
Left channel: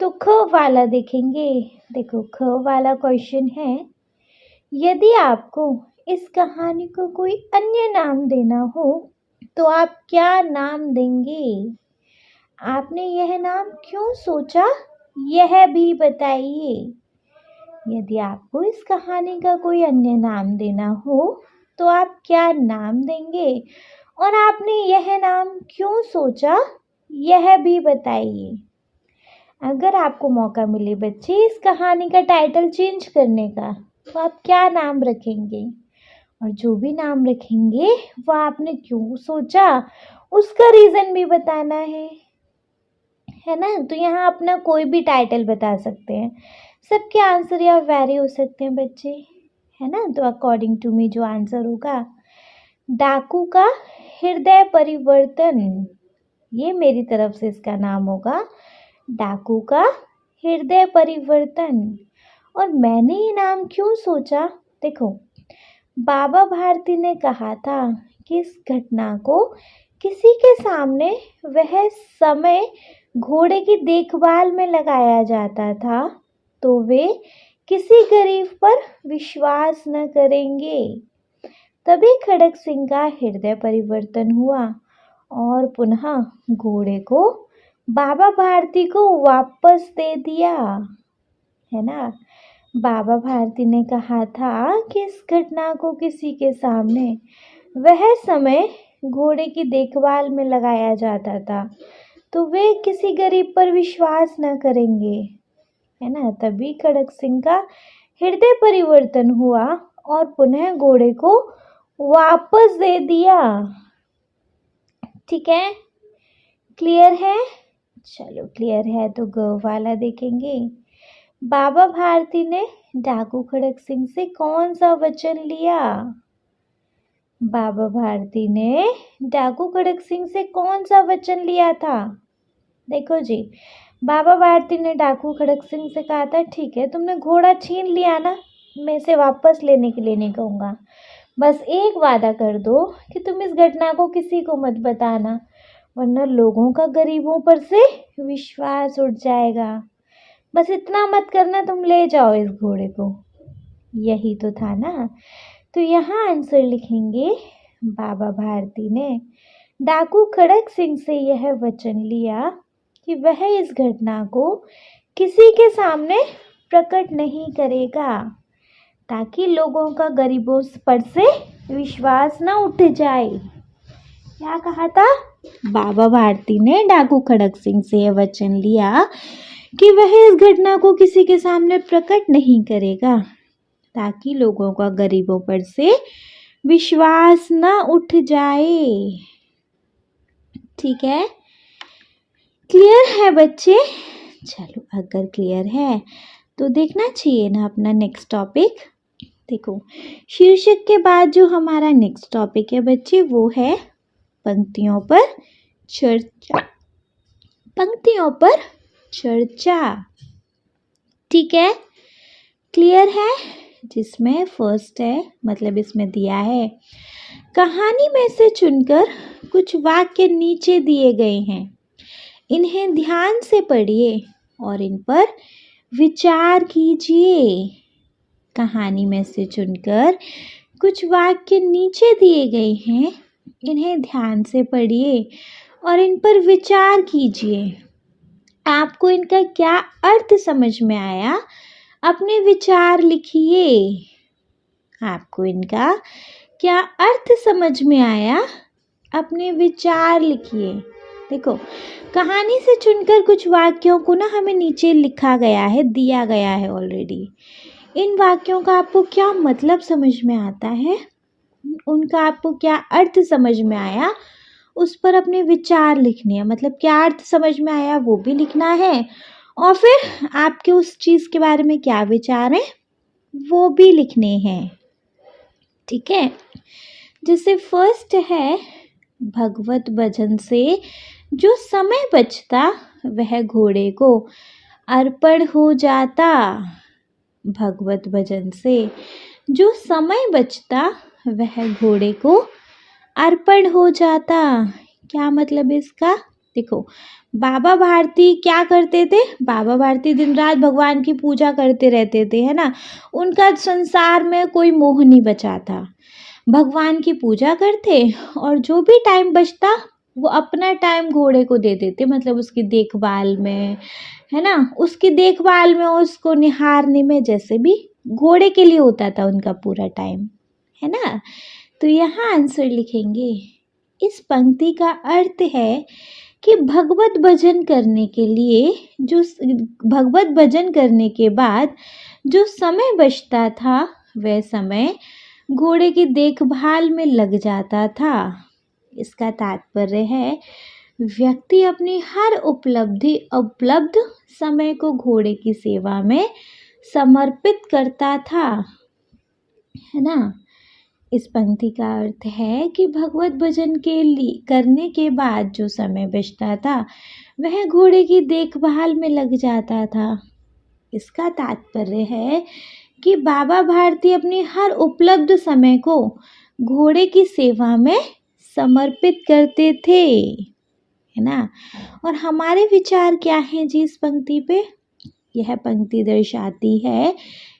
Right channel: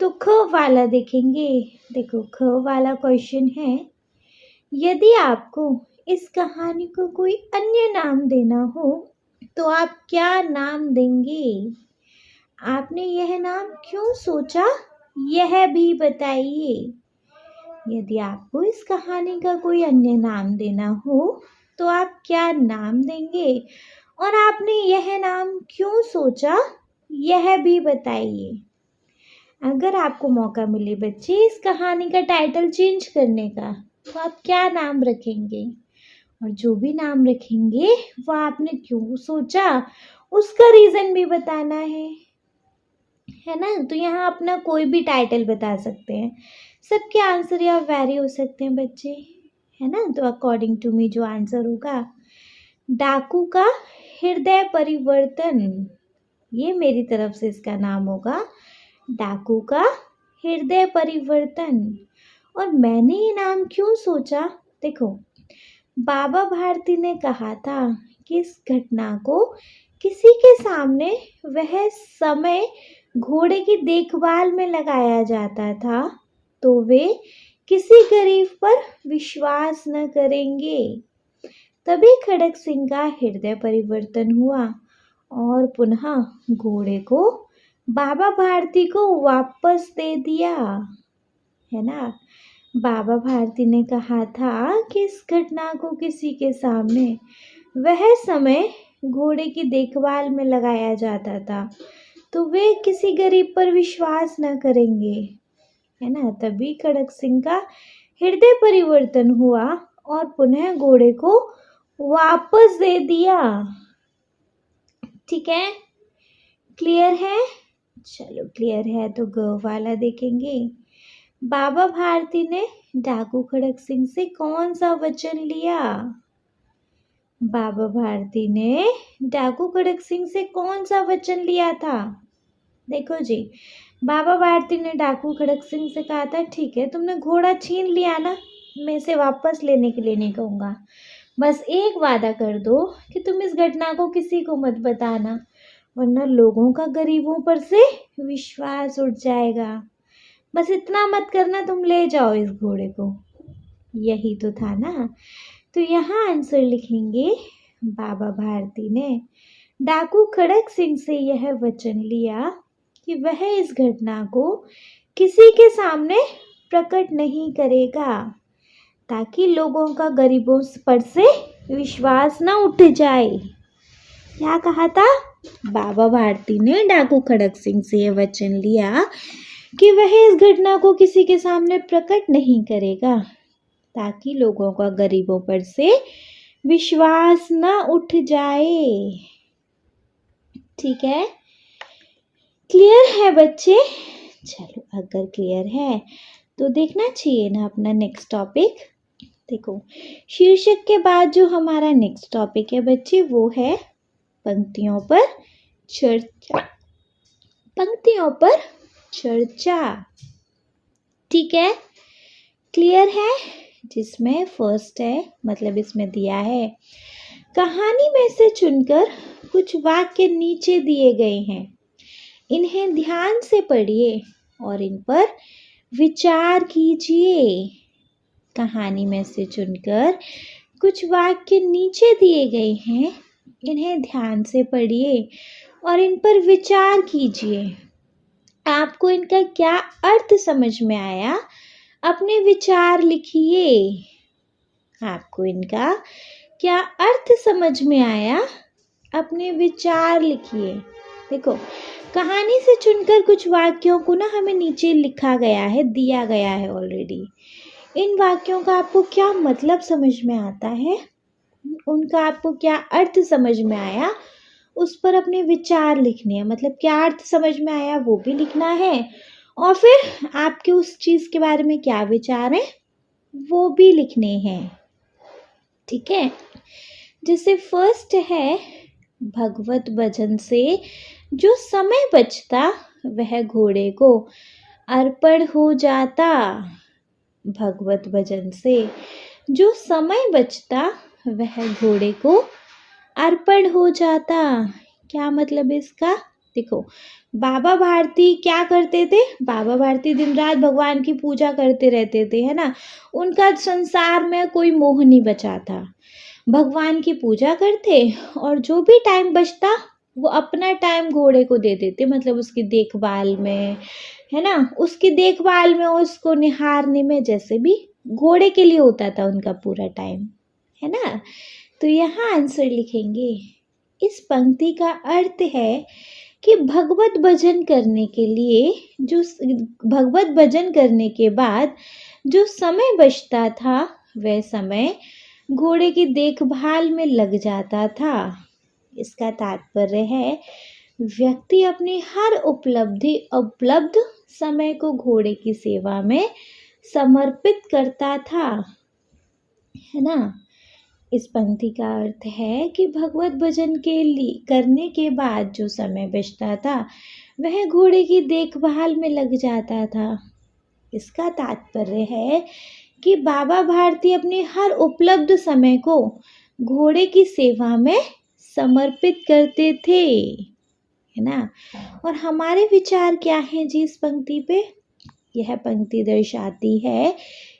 तो ख वाला देखेंगे। देखो ख वाला क्वेश्चन है, यदि आपको इस कहानी को कोई अन्य नाम देना हो तो आप क्या नाम देंगे। आपने यह नाम क्यों सोचा यह भी बताइए। यदि आपको इस कहानी का कोई अन्य नाम देना हो तो आप क्या नाम देंगे और आपने यह नाम क्यों सोचा यह भी बताइए। अगर आपको मौका मिले बच्चे इस कहानी का टाइटल चेंज करने का तो आप क्या नाम रखेंगे और जो भी नाम रखेंगे वो आपने क्यों सोचा उसका रीज़न भी बताना है ना। तो यहाँ अपना कोई भी टाइटल बता सकते हैं, सबके आंसर या वेरी हो सकते हैं बच्चे, है ना। तो अकॉर्डिंग टू मी जो आंसर होगा डाकू का हृदय परिवर्तन, ये मेरी तरफ से इसका नाम होगा डाकू का हृदय परिवर्तन। और मैंने ये नाम क्यों सोचा? देखो, बाबा भारती ने कहा था कि इस घटना को किसी के सामने वह समय घोड़े की देखभाल में लगाया जाता था तो वे किसी गरीब पर विश्वास न करेंगे। तभी खड़क सिंह का हृदय परिवर्तन हुआ और पुनः घोड़े को बाबा भारती को वापस दे दिया, है ना। बाबा भारती ने कहा था कि इस घटना को किसी के सामने वह समय घोड़े की देखभाल में लगाया जाता था तो वे किसी गरीब पर विश्वास न करेंगे, है ना। तभी खड़क सिंह का हृदय परिवर्तन हुआ और पुनः घोड़े को वापस दे दिया। ठीक है, क्लियर है? चलो क्लियर है तो ग वाला देखेंगे। बाबा भारती ने डाकू खड़क सिंह से कौन सा वचन लिया? बाबा भारती ने डाकू खड़क सिंह से कौन सा वचन लिया था? देखो जी, बाबा भारती ने डाकू खड़क सिंह से कहा था, ठीक है तुमने घोड़ा छीन लिया ना, मैं इसे वापस लेने के लिए नहीं कहूँगा, बस एक वादा कर दो कि तुम इस घटना को किसी को मत बताना, वरना लोगों का गरीबों पर से विश्वास उठ जाएगा। बस इतना मत करना, तुम ले जाओ इस घोड़े को। यही तो था ना। तो यहाँ आंसर लिखेंगे, बाबा भारती ने डाकू खड़क सिंह से यह वचन लिया कि वह इस घटना को किसी के सामने प्रकट नहीं करेगा ताकि लोगों का गरीबों पर से विश्वास ना उठ जाए। क्या कहा था? बाबा भारती ने डाकू खड़क सिंह से यह वचन लिया कि वह इस घटना को किसी के सामने प्रकट नहीं करेगा ताकि लोगों का गरीबों पर से विश्वास ना उठ जाए। ठीक है, क्लियर है बच्चे? चलो अगर क्लियर है तो देखना चाहिए ना अपना नेक्स्ट टॉपिक। देखो, शीर्षक के बाद जो हमारा नेक्स्ट टॉपिक है बच्चे वो है पंक्तियों पर चर्चा। पंक्तियों पर चर्चा, ठीक है, क्लियर है? जिसमें फर्स्ट है, मतलब इसमें दिया है, कहानी में से चुनकर कुछ वाक्य नीचे दिए गए हैं, इन्हें ध्यान से पढ़िए और इन पर विचार कीजिए। कहानी में से चुनकर कुछ वाक्य नीचे दिए गए हैं, इन्हें ध्यान से पढ़िए और इन पर विचार कीजिए। आपको इनका क्या अर्थ समझ में आया, अपने विचार लिखिए। आपको इनका क्या अर्थ समझ में आया, अपने विचार लिखिए। देखो, कहानी से चुनकर कुछ वाक्यों को ना हमें नीचे लिखा गया है, दिया गया है ऑलरेडी। इन वाक्यों का आपको क्या मतलब समझ में आता है, उनका आपको क्या अर्थ समझ में आया, उस पर अपने विचार लिखने हैं। मतलब क्या अर्थ समझ में आया वो भी लिखना है और फिर आपके उस चीज़ के बारे में क्या विचार हैं वो भी लिखने हैं। ठीक है, जैसे फर्स्ट है, भगवत भजन से जो समय बचता वह घोड़े को अर्पण हो जाता। भगवत भजन से जो समय बचता वह घोड़े को अर्पण हो जाता। क्या मतलब इसका? देखो, बाबा भारती क्या करते थे? बाबा भारती दिन रात भगवान की पूजा करते रहते थे, है ना। उनका संसार में कोई मोह नहीं बचा था। भगवान की पूजा करते और जो भी टाइम बचता वो अपना टाइम घोड़े को दे देते, मतलब उसकी देखभाल में, है ना, उसकी देखभाल में, उसको निहारने में, जैसे भी घोड़े के लिए होता था उनका पूरा टाइम, है ना। तो यहाँ आंसर लिखेंगे, इस पंक्ति का अर्थ है कि भगवत भजन करने के लिए जो भगवत भजन करने के बाद जो समय बचता था वह समय घोड़े की देखभाल में लग जाता था। इसका तात्पर्य है व्यक्ति अपनी हर उपलब्ध समय को घोड़े की सेवा में समर्पित करता था, है ना। इस पंक्ति का अर्थ है कि भगवत भजन के लिए करने के बाद जो समय बचता था वह घोड़े की देखभाल में लग जाता था। इसका तात्पर्य है कि बाबा भारती अपने हर उपलब्ध समय को घोड़े की सेवा में समर्पित करते थे, है ना। और हमारे विचार क्या हैं जी इस पंक्ति पे? यह पंक्ति दर्शाती है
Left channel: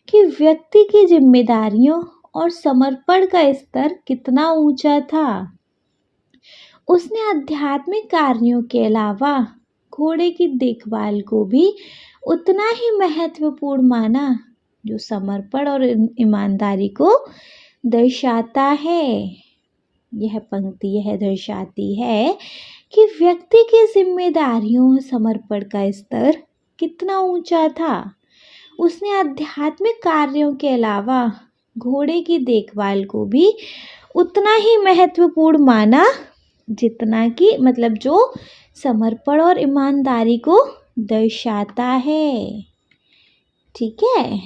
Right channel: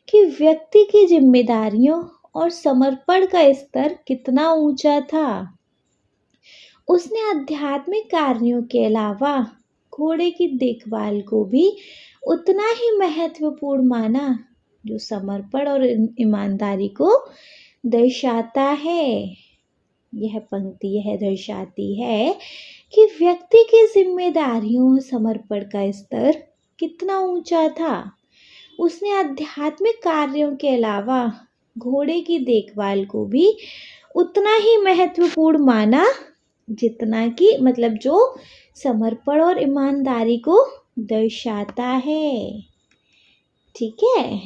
कि व्यक्ति की जिम्मेदारियों और समर्पण का स्तर कितना ऊंचा था। उसने आध्यात्मिक कार्यों के अलावा घोड़े की देखभाल को भी उतना ही महत्वपूर्ण माना, जो समर्पण और ईमानदारी को दर्शाता है। यह पंक्ति यह दर्शाती है कि व्यक्ति की जिम्मेदारियों और समर्पण का स्तर कितना ऊंचा था। उसने आध्यात्मिक कार्यों के अलावा घोड़े की देखभाल को भी उतना ही महत्वपूर्ण माना, जितना कि मतलब जो समर्पण और ईमानदारी को दर्शाता है। ठीक है,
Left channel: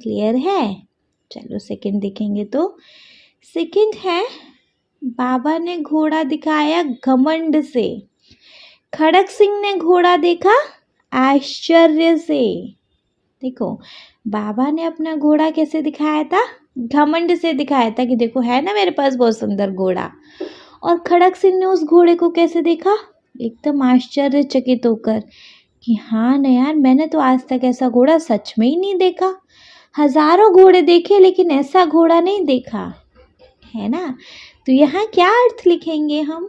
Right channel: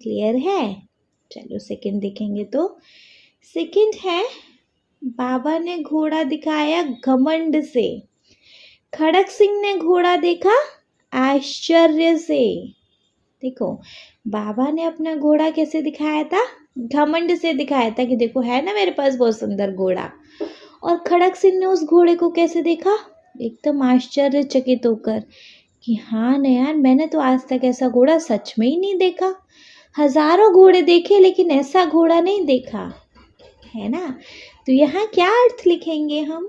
क्लियर है। चलो सेकंड देखेंगे तो सेकंड है, बाबा ने घोड़ा दिखाया घमंड से, खड़क सिंह ने घोड़ा देखा आश्चर्य से। देखो, बाबा ने अपना घोड़ा कैसे दिखाया था? घमंड से दिखाया था कि देखो है ना मेरे पास बहुत सुंदर घोड़ा। और खड़क सिंह ने उस घोड़े को कैसे देखा? एकदम आश्चर्यचकित होकर कि हाँ न यार, मैंने तो आज तक ऐसा घोड़ा सच में ही नहीं देखा। हजारों घोड़े देखे लेकिन ऐसा घोड़ा नहीं देखा, है ना। तो यहाँ क्या अर्थ लिखेंगे हम?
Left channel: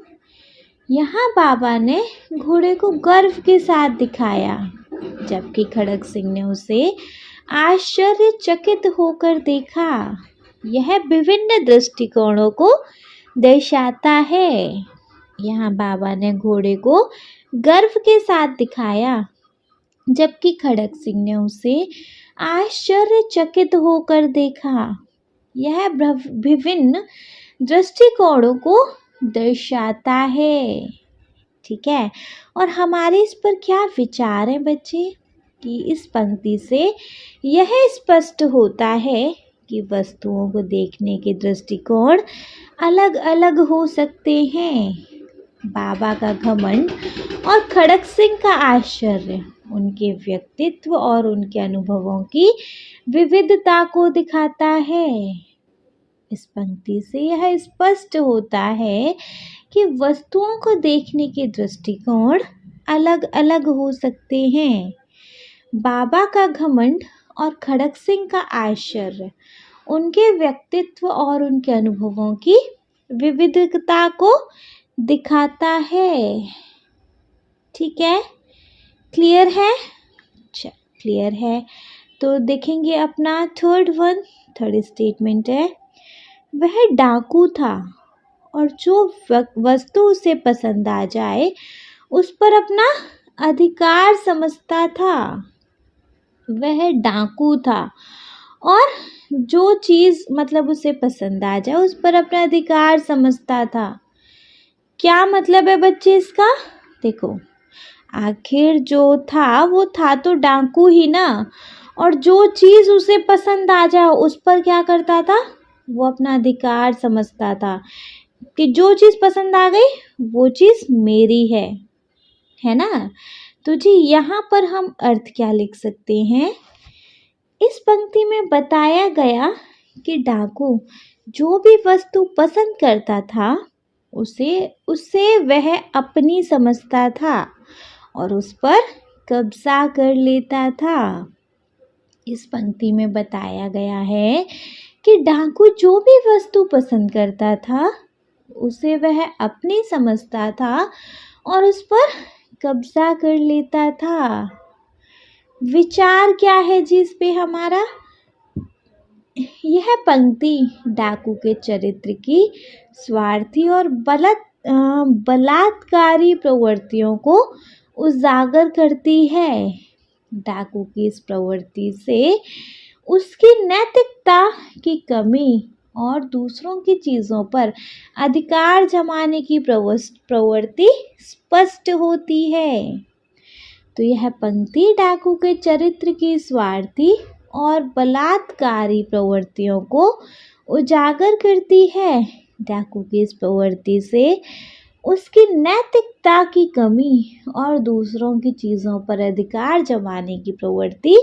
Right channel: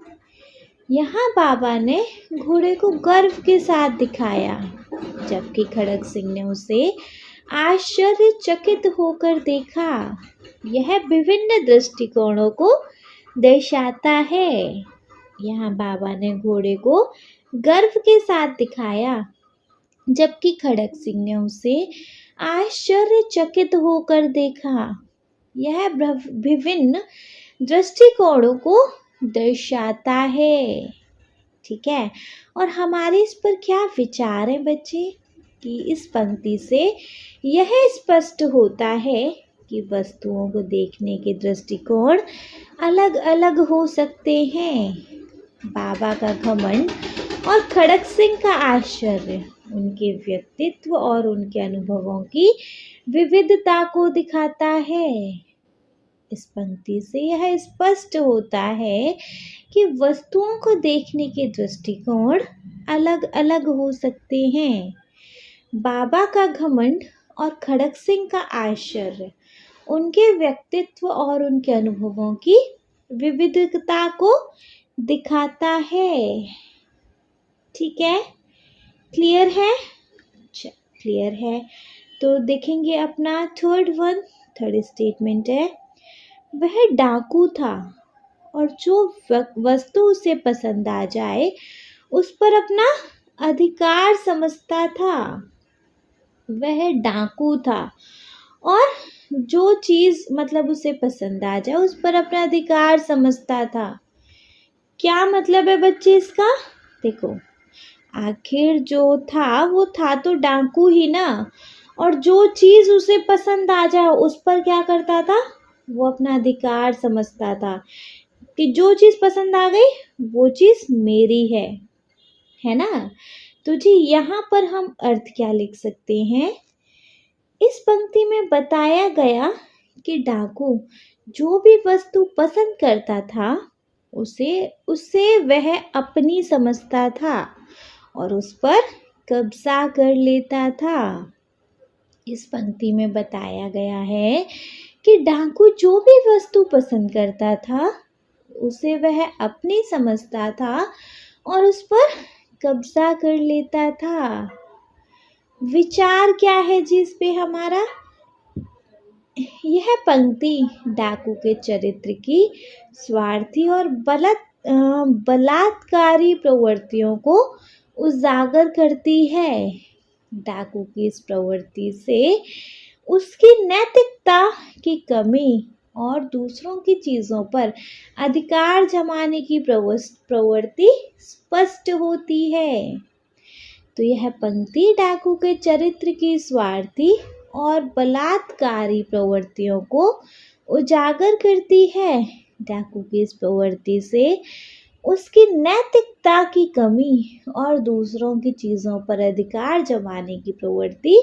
यहाँ बाबा ने घोड़े को गर्व के साथ दिखाया, जबकि खड़क सिंह ने उसे आश्चर्यचकित होकर देखा। यह विभिन्न दृष्टिकोणों को दर्शाता है। यहाँ बाबा ने घोड़े को गर्व के साथ दिखाया, जबकि खड़क सिंह ने उसे आश्चर्यचकित होकर देखा। यह विभिन्न दृष्टिकोणों को दर्शाता है। ठीक है, और हमारे इस पर क्या विचार है बच्चे? कि इस पंक्ति से यह स्पष्ट होता है कि वस्तुओं को देखने के दृष्टिकोण अलग अलग हो सकते हैं। बाबा का घमंड और खड़क सिंह का आश्चर्य उनके व्यक्तित्व और उनके अनुभवों की विविधता को दिखाता है। इस पंक्ति से यह स्पष्ट होता है कि वस्तुओं को देखने के दृष्टिकोण अलग अलग हो सकते हैं। बाबा का घमंड और खड़क सिंह का आश्चर्य उनके व्यक्तित्व और उनके अनुभवों की विविधता को दिखाता है। ठीक है, क्लियर है? अच्छा, क्लियर है। तो देखेंगे अपना थर्ड स्टेटमेंट है, वह डाकू था और जो वस्तु उसे पसंद आ जाए उस पर अपना अधिकार समझता था। वह डाकू था और जो चीज़ मतलब उसे पसंद आ जाए उस पर अपना अधिकार समझता था। क्या मतलब है बच्चे इसका? देखो, आखिर जो था वो था तो डाकू ही ना, और जो चीज़ उसे पसंद आ जाए उस पर क्या करता था? वो अपना अधिकार समझता था कि जो चीज़ पसंद आ गई वो चीज़ मेरी है ना। तो जी यहाँ पर हम अर्थ क्या लिख सकते हैं? इस पंक्ति में बताया गया कि डाकू जो भी वस्तु पसंद करता था उसे वह अपनी समझता था और उस पर कब्जा कर लेता था। इस पंक्ति में बताया गया है कि डाकू जो भी वस्तु पसंद करता था उसे वह अपनी समझता था और उस पर कब्जा कर लेता था। विचार क्या है जी इस पे हमारा? यह पंक्ति डाकू के चरित्र की स्वार्थी और बलात्कारी प्रवृत्तियों को उजागर करती है। डाकू की इस प्रवृत्ति से उसकी नैतिकता की कमी और दूसरों की चीज़ों पर अधिकार जमाने की प्रवृत्ति स्पष्ट होती है। तो यह पंक्ति डाकू के चरित्र की स्वार्थी और बलात्कारी प्रवृत्तियों को उजागर करती है। डाकू की इस प्रवृत्ति से उसकी नैतिकता की कमी और दूसरों की चीज़ों पर अधिकार जमाने की प्रवृत्ति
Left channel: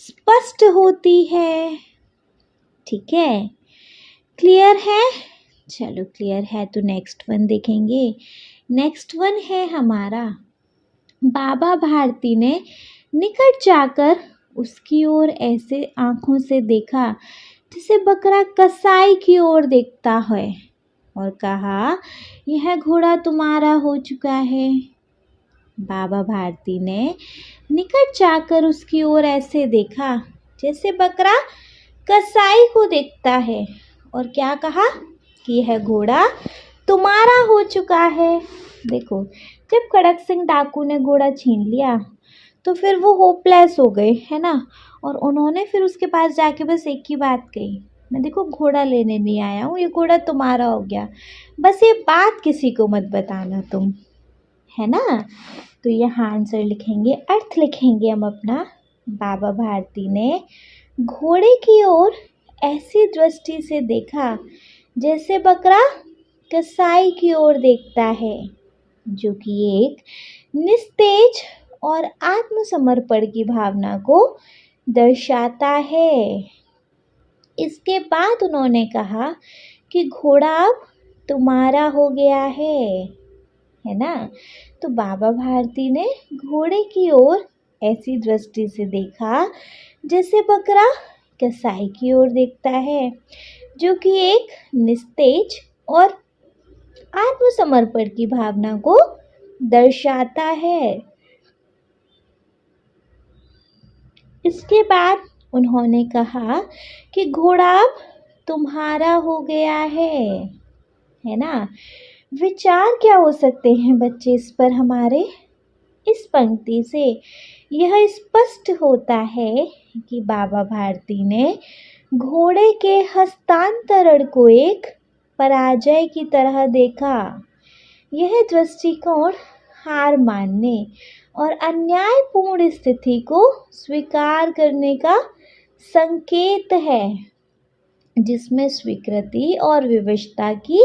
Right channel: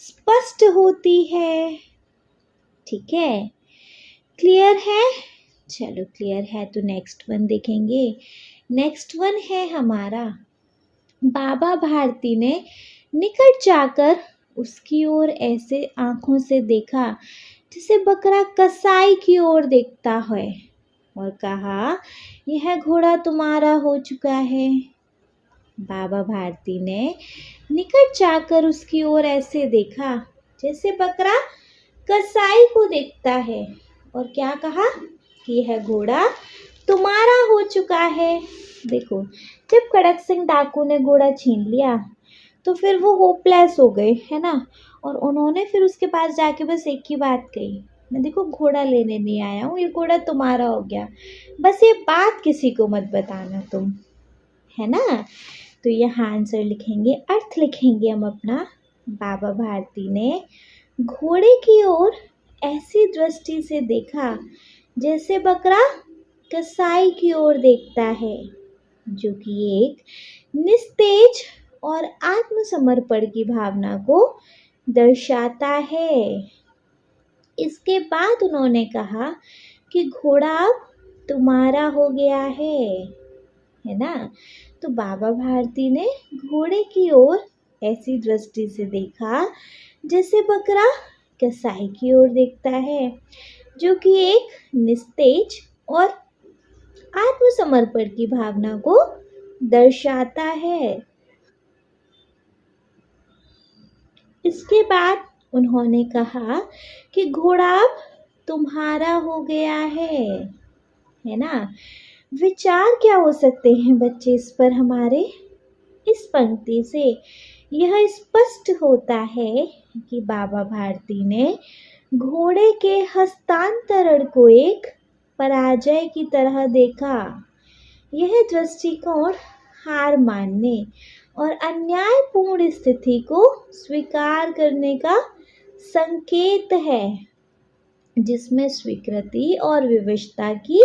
स्पष्ट होती है। ठीक है, क्लियर है? चलो क्लियर है तो नेक्स्ट वन देखेंगे। नेक्स्ट वन है हमारा, बाबा भारती ने निकट जाकर उसकी ओर ऐसे आंखों से देखा जैसे बकरा कसाई की ओर देखता है और कहा, यह घोड़ा तुम्हारा हो चुका है। बाबा भारती ने निकट जाकर उसकी ओर ऐसे देखा जैसे बकरा कसाई को देखता है और क्या कहा कि यह घोड़ा तुम्हारा हो चुका है। देखो, जब खड़क सिंह डाकू ने घोड़ा छीन लिया तो फिर वो होपलेस हो गए, है ना। और उन्होंने फिर उसके पास जाके बस एक ही बात कही, मैं देखो घोड़ा लेने नहीं आया हूँ, ये घोड़ा तुम्हारा हो गया, बस ये बात किसी को मत बताना तुम, है ना। तो यहाँ आंसर लिखेंगे, अर्थ लिखेंगे हम अपना। बाबा भारती ने घोड़े की ओर ऐसी दृष्टि से देखा जैसे बकरा कसाई की ओर देखता है, जो कि एक निस्तेज और आत्मसमर्पण की भावना को दर्शाता है। इसके बाद उन्होंने कहा कि घोड़ा अब तुम्हारा हो गया है ना। तो बाबा भारती ने घोड़े की ओर ऐसी दृष्टि से देखा जैसे बकरा कसाई की ओर देखता है, जो कि एक निस्तेज और आत्मसमर्पण की भावना को दर्शाता है। इसके बाद उन्होंने कहा कि घोड़ा अब तुम्हारा हो गया है ना। विचार क्या हो सकते हैं बच्चे इस पर हमारे? इस पंक्ति से यह स्पष्ट होता है कि बाबा भारती ने घोड़े के हस्तांतरण को एक पराजय की तरह देखा। यह दृष्टिकोण हार मानने और अन्यायपूर्ण स्थिति को स्वीकार करने का संकेत है, जिसमें स्वीकृति और विवशता की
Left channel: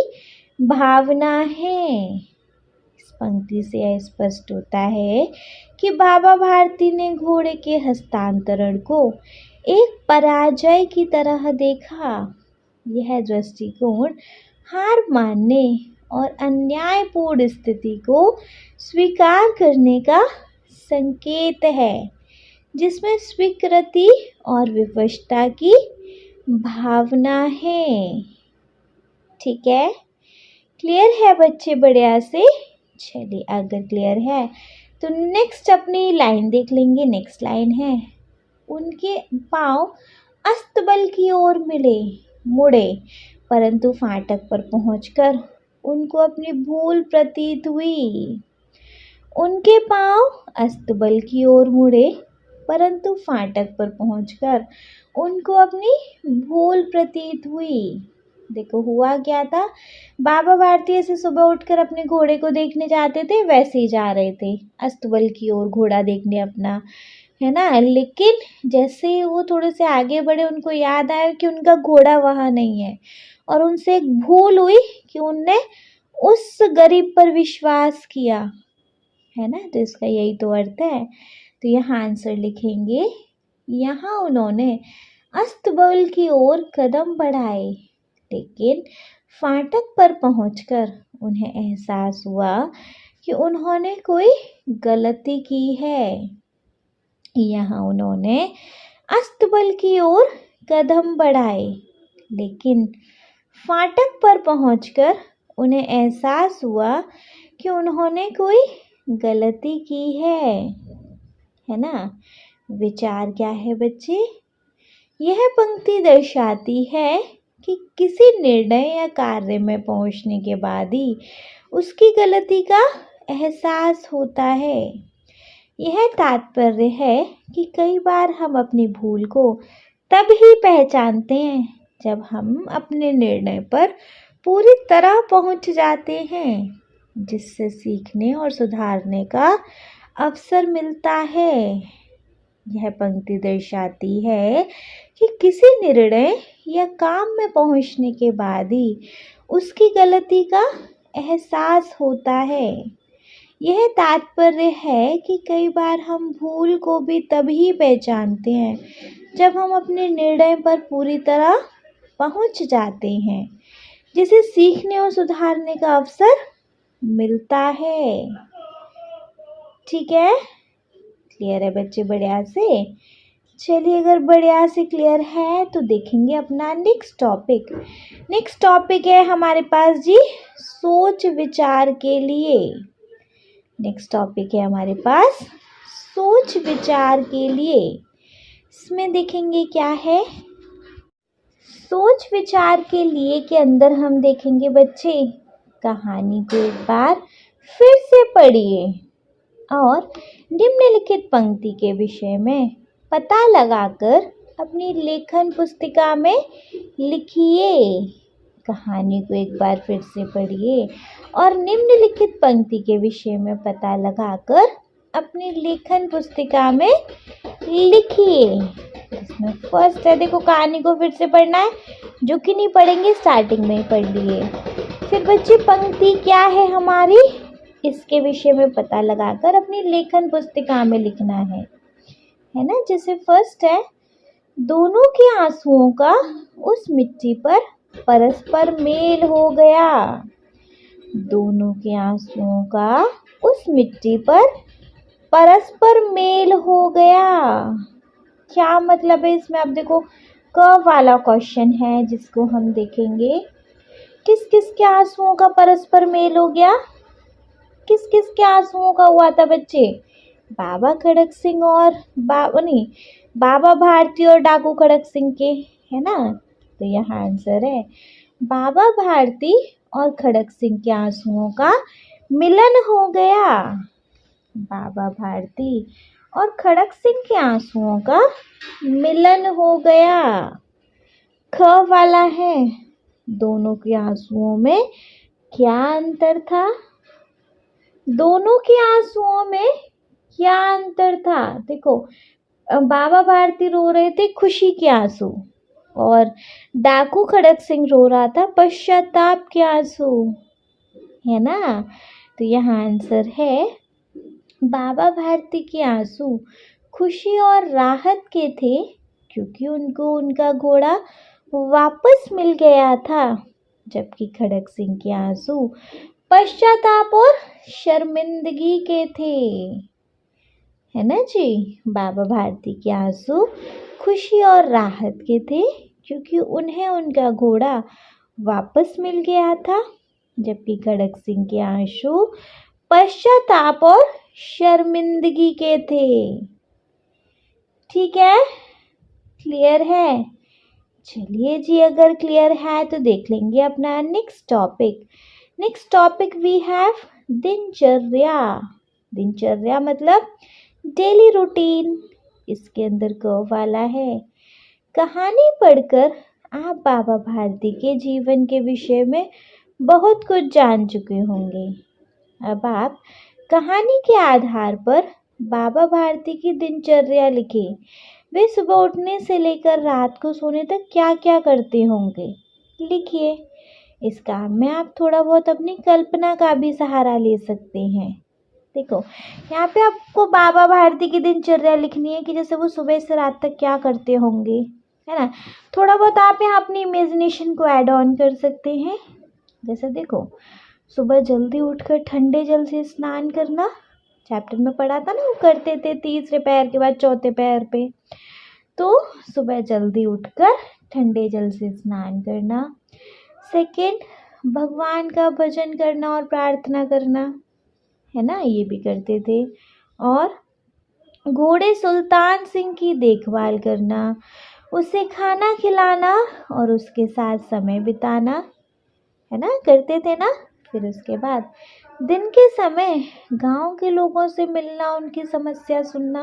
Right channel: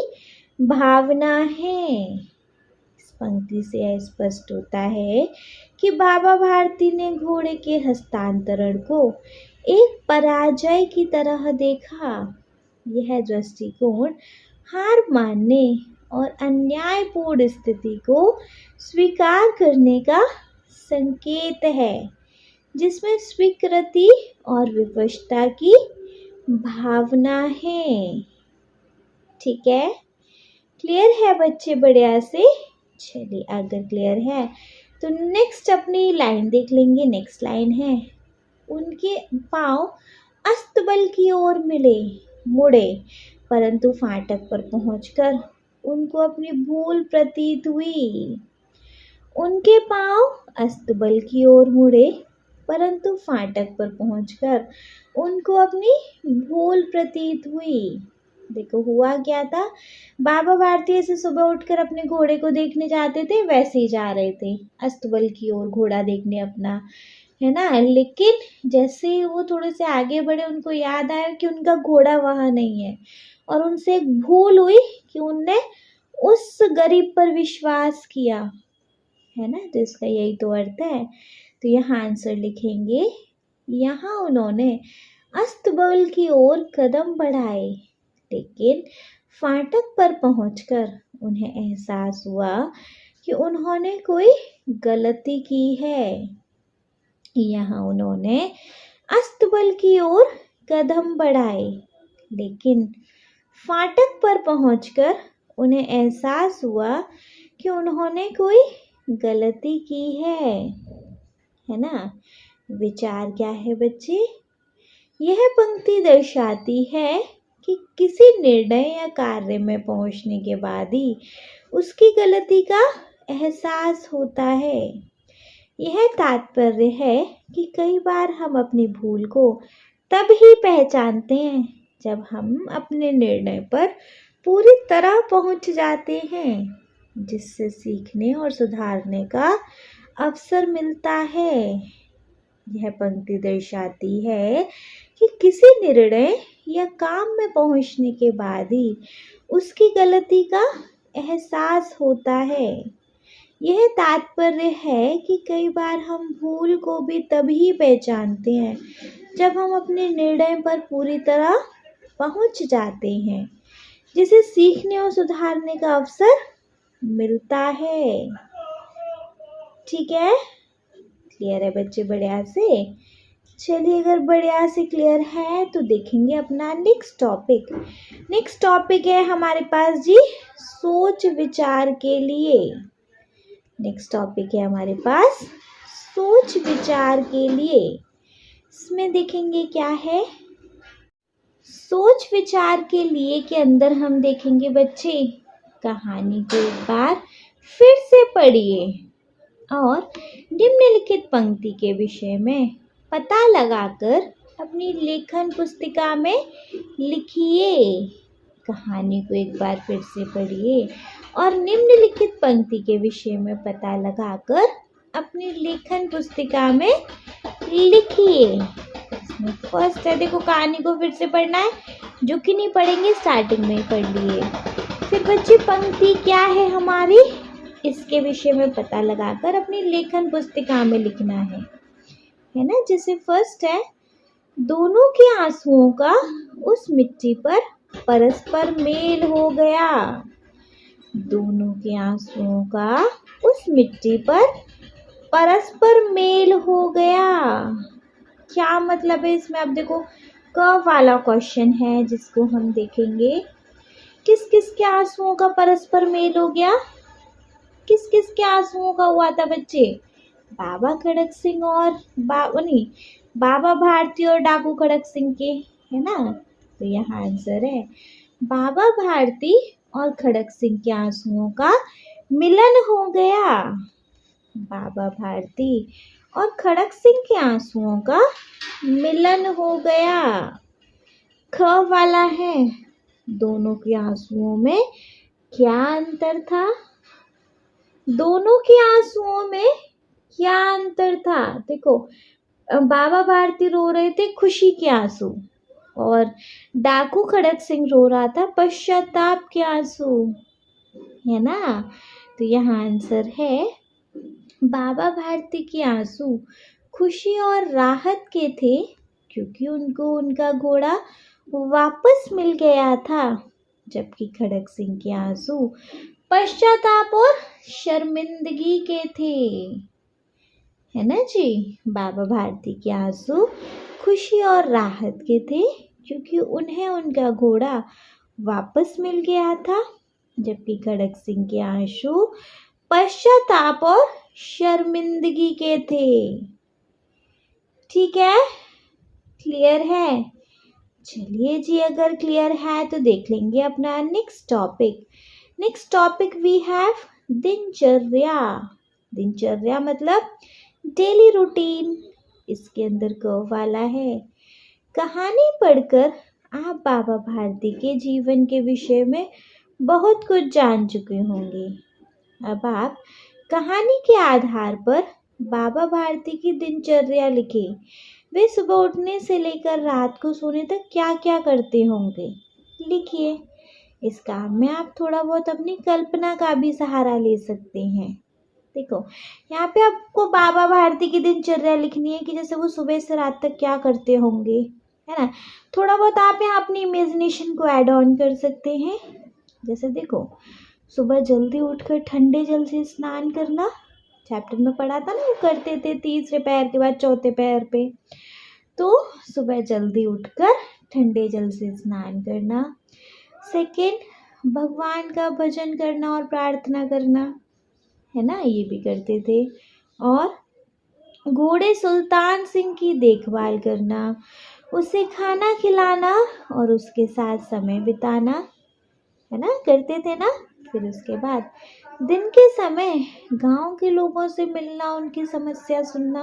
भावना है। इस पंक्ति से यह स्पष्ट होता है कि बाबा भारती ने घोड़े के हस्तांतरण को एक पराजय की तरह देखा। यह दृष्टिकोण हार मानने और अन्यायपूर्ण स्थिति को स्वीकार करने का संकेत है, जिसमें स्वीकृति और विवशता की भावना है। ठीक है, क्लियर है बच्चे? बढ़िया से। चलिए, अगर क्लियर है तो नेक्स्ट अपनी लाइन देख लेंगे। नेक्स्ट लाइन है, उनके पांव अस्तबल की ओर मुड़े, परंतु फाटक पर पहुंचकर उनको अपनी भूल प्रतीत हुई। उनके पांव अस्तबल की ओर मुड़े, परंतु फाटक पर पहुंचकर उनको अपनी भूल प्रतीत हुई। देखो हुआ क्या था, बाबा भारती ऐसे सुबह उठकर अपने घोड़े को देखने जाते थे, वैसे ही जा रहे थे अस्तबल की ओर घोड़ा देखने अपना, है ना। लेकिन जैसे ही वो थोड़े से आगे बढ़े, उनको याद आया कि उनका घोड़ा वहाँ नहीं है, और उनसे एक भूल हुई कि उनने उस गरीब पर विश्वास किया, है ना। तो इसका यही तो अर्थ है। तो यहाँ आंसर लिखेंगे, यहाँ उन्होंने अस्तबल की ओर कदम बढ़ाए, लेकिन फाटक पर पहुंचकर उन्हें एहसास हुआ कि उन्होंने कोई गलती की है। यहाँ उन्होंने अस्तबल की ओर कदम बढ़ाए, लेकिन फाटक पर पहुंचकर उन्हें एहसास हुआ कि उन्होंने कोई गलती की है ना। विचार क्या है बच्चे? यह पंक्ति दर्शाती है कि किसी निर्णय या कार्य में पहुंचने के बाद ही उसकी गलती का एहसास होता है। यह तात्पर्य है कि कई बार हम अपनी भूल को तब ही पहचानते हैं जब हम अपने निर्णय पर पूरी तरह पहुंच जाते हैं, जिससे सीखने और सुधारने का अवसर मिलता है। यह पंक्ति दर्शाती है कि किसी निर्णय या काम में पहुंचने के बाद ही उसकी गलती का एहसास होता है। यह तात्पर्य है कि कई बार हम भूल को भी तभी पहचानते हैं जब हम अपने निर्णय पर पूरी तरह पहुंच जाते हैं, जिसे सीखने और सुधारने का अवसर मिलता है। ठीक है, क्लियर है बच्चे बढ़िया से? चलिए, अगर बढ़िया से क्लियर है तो देखेंगे अपना नेक्स्ट टॉपिक। नेक्स्ट टॉपिक है हमारे पास जी सोच विचार के लिए। नेक्स्ट टॉपिक है हमारे पास सोच विचार के लिए। इसमें देखेंगे क्या है सोच विचार के लिए के अंदर हम देखेंगे बच्चे, कहानी को एक बार फिर से पढ़िए और निम्नलिखित पंक्ति के विषय में पता लगाकर अपनी लेखन पुस्तिका में लिखिए। कहानी को एक बार फिर से पढ़िए और निम्नलिखित पंक्ति के विषय में पता लगाकर अपनी लेखन पुस्तिका में लिखिए। इसमें फर्स्ट है, देखो कहानी को फिर से पढ़ना है, जो कि नहीं पढ़ेंगे स्टार्टिंग में ही पढ़ लिए। फिर बच्चे पंक्ति क्या है हमारी, इसके विषय में पता लगाकर अपनी लेखन पुस्तिका में लिखना है ना। जैसे फर्स्ट है, दोनों के आंसुओं का उस मिट्टी पर परस्पर मेल हो गया। दोनों के आंसुओं का उस मिट्टी पर परस्पर मेल हो गया। क्या मतलब है इसमें? अब देखो क वाला क्वेश्चन है जिसको हम देखेंगे। किस किस के आंसुओं का परस्पर मेल हो गया? किस किस के आंसुओं का हुआ था बच्चे? बाबा खड़क सिंह और बाबा भारती और डाकू खड़क सिंह के, है ना। तो यहाँ आंसर है बाबा भारती और खड़क सिंह के आंसुओं का मिलन हो गया। बाबा भारती और खड़क सिंह के आंसुओं का मिलन हो गया। ख वाला है, दोनों के आंसुओं में क्या अंतर था? दोनों के आंसुओं में क्या अंतर था? देखो, बाबा भारती रो रहे थे खुशी के आंसू और डाकू खड़क सिंह रो रहा था पश्चाताप के आंसू, है ना। तो यहाँ आंसर है बाबा भारती के आंसू खुशी और राहत के थे, क्योंकि उनको उनका घोड़ा वापस मिल गया था, जबकि खड़क सिंह के आंसू पश्चाताप और शर्मिंदगी के थे, है ना जी। बाबा भारती के आंसू खुशी और राहत के थे, क्योंकि उन्हें उनका घोड़ा वापस मिल गया था, जबकि खड़क सिंह के आंसू पश्चाताप और शर्मिंदगी के थे। ठीक है, क्लियर है? चलिए जी, अगर क्लियर है तो देख लेंगे अपना next topic. Next topic we have दिनचर्या। दिनचर्या मतलब डेली रूटीन। इसके अंदर क वाला है, कहानी पढ़कर आप बाबा भारती के जीवन के विषय में बहुत कुछ जान चुके होंगे। अब आप कहानी के आधार पर बाबा भारती की दिनचर्या लिखें। वे सुबह उठने से लेकर रात को सोने तक क्या क्या करते होंगे, लिखिए। इस काम में आप थोड़ा बहुत अपनी कल्पना का भी सहारा ले सकते हैं। देखो, यहाँ पे आपको बाबा भारती की दिनचर्या लिखनी है कि जैसे वो सुबह से रात तक क्या करते होंगे, है ना। थोड़ा बहुत आप यहाँ अपनी इमेजिनेशन को ऐड ऑन कर सकते हैं। जैसे देखो, सुबह जल्दी उठकर ठंडे जल से स्नान करना, चैप्टर में पढ़ा था ना, वो करते थे तीसरे पैर के बाद चौथे पैर पे। तो सुबह जल्दी उठकर ठंडे जल से स्नान करना। सेकेंड, भगवान का भजन करना और प्रार्थना करना, है ना, ये भी करते थे। और घोड़े सुल्तान सिंह की देखभाल करना, उसे खाना खिलाना और उसके साथ समय बिताना, है ना, करते थे ना। फिर उसके बाद दिन के समय गांव के लोगों से मिलना, उनकी समस्या सुनना।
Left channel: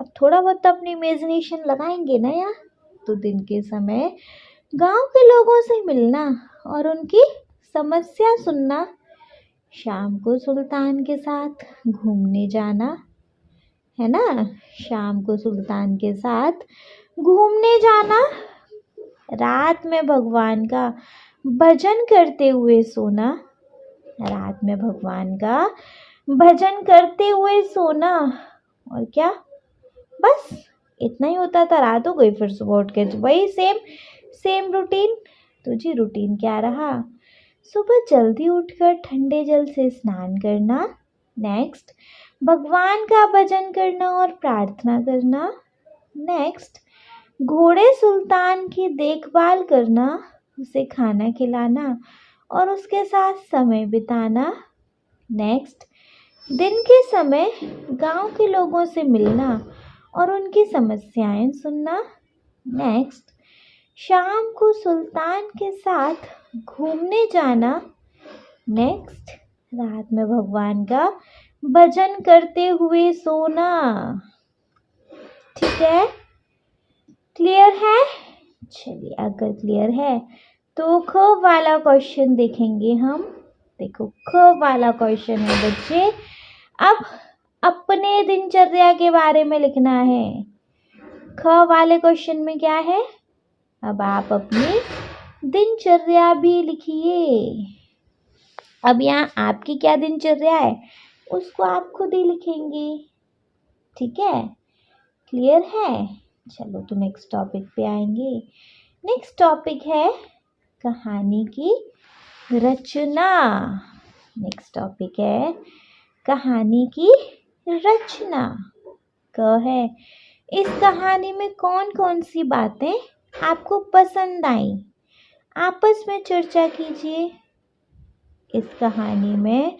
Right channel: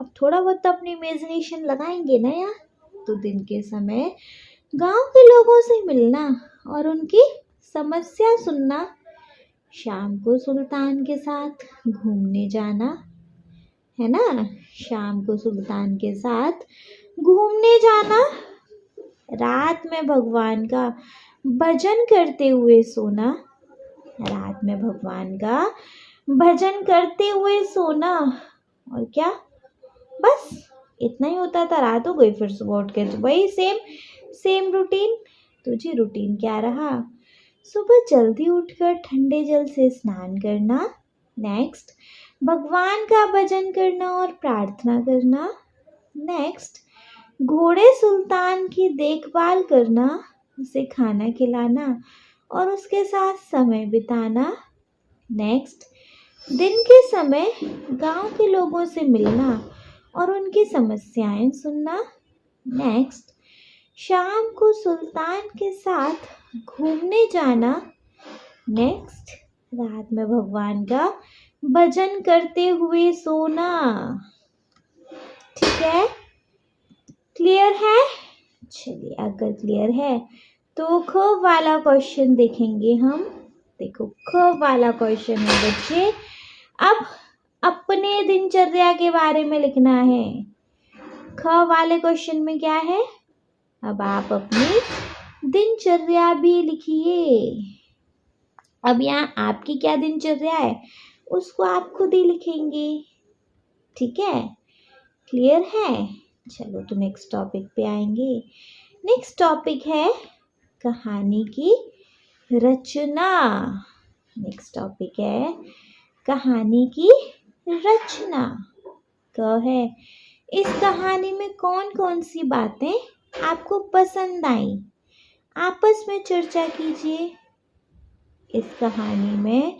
अब थोड़ा बहुत अपनी इमेजिनेशन लगाएंगे ना यार, तो दिन के समय गांव के लोगों से मिलना और उनकी समस्या सुनना। शाम को सुल्तान के साथ घूमने जाना, है ना, शाम को सुल्तान के साथ घूमने जाना। रात में भगवान का भजन करते हुए सोना, रात में भगवान का भजन करते हुए सोना। और क्या, बस इतना ही होता था। रात हो गई, फिर सुबह उठ के वही सेम सेम रूटीन। तो जी रूटीन क्या रहा? सुबह जल्दी उठकर ठंडे जल से स्नान करना। नेक्स्ट, भगवान का भजन करना और प्रार्थना करना। नेक्स्ट, घोड़े सुल्तान की देखभाल करना, उसे खाना खिलाना और उसके साथ समय बिताना। नेक्स्ट, दिन के समय गांव के लोगों से मिलना और उनकी समस्याएं सुनना। नेक्स्ट, शाम को सुल्तान के साथ घूमने जाना। नेक्स्ट, रात में भगवान का भजन करते हुए सोना। ठीक है, क्लियर है? चलिए, अगर क्लियर है तो ख वाला क्वेश्चन देखेंगे हम। देखो, ख वाला क्वेश्चन है बच्चे, अब अपने दिनचर्या के बारे में लिखना है। ख वाले क्वेश्चन में क्या है? अब आप अपनी दिनचर्या भी लिखिए। अब यहाँ आपकी क्या दिनचर्या है उसको आप खुद ही लिखेंगे। ठीक है, क्लियर है? चलो, तो नेक्स्ट टॉपिक पे आएंगे। नेक्स्ट टॉपिक है कहानी की रचना। नेक्स्ट टॉपिक है कहानी की रचना। क है, इस कहानी में कौन कौन सी बातें आपको पसंद आई? आपस में चर्चा कीजिए। इस कहानी में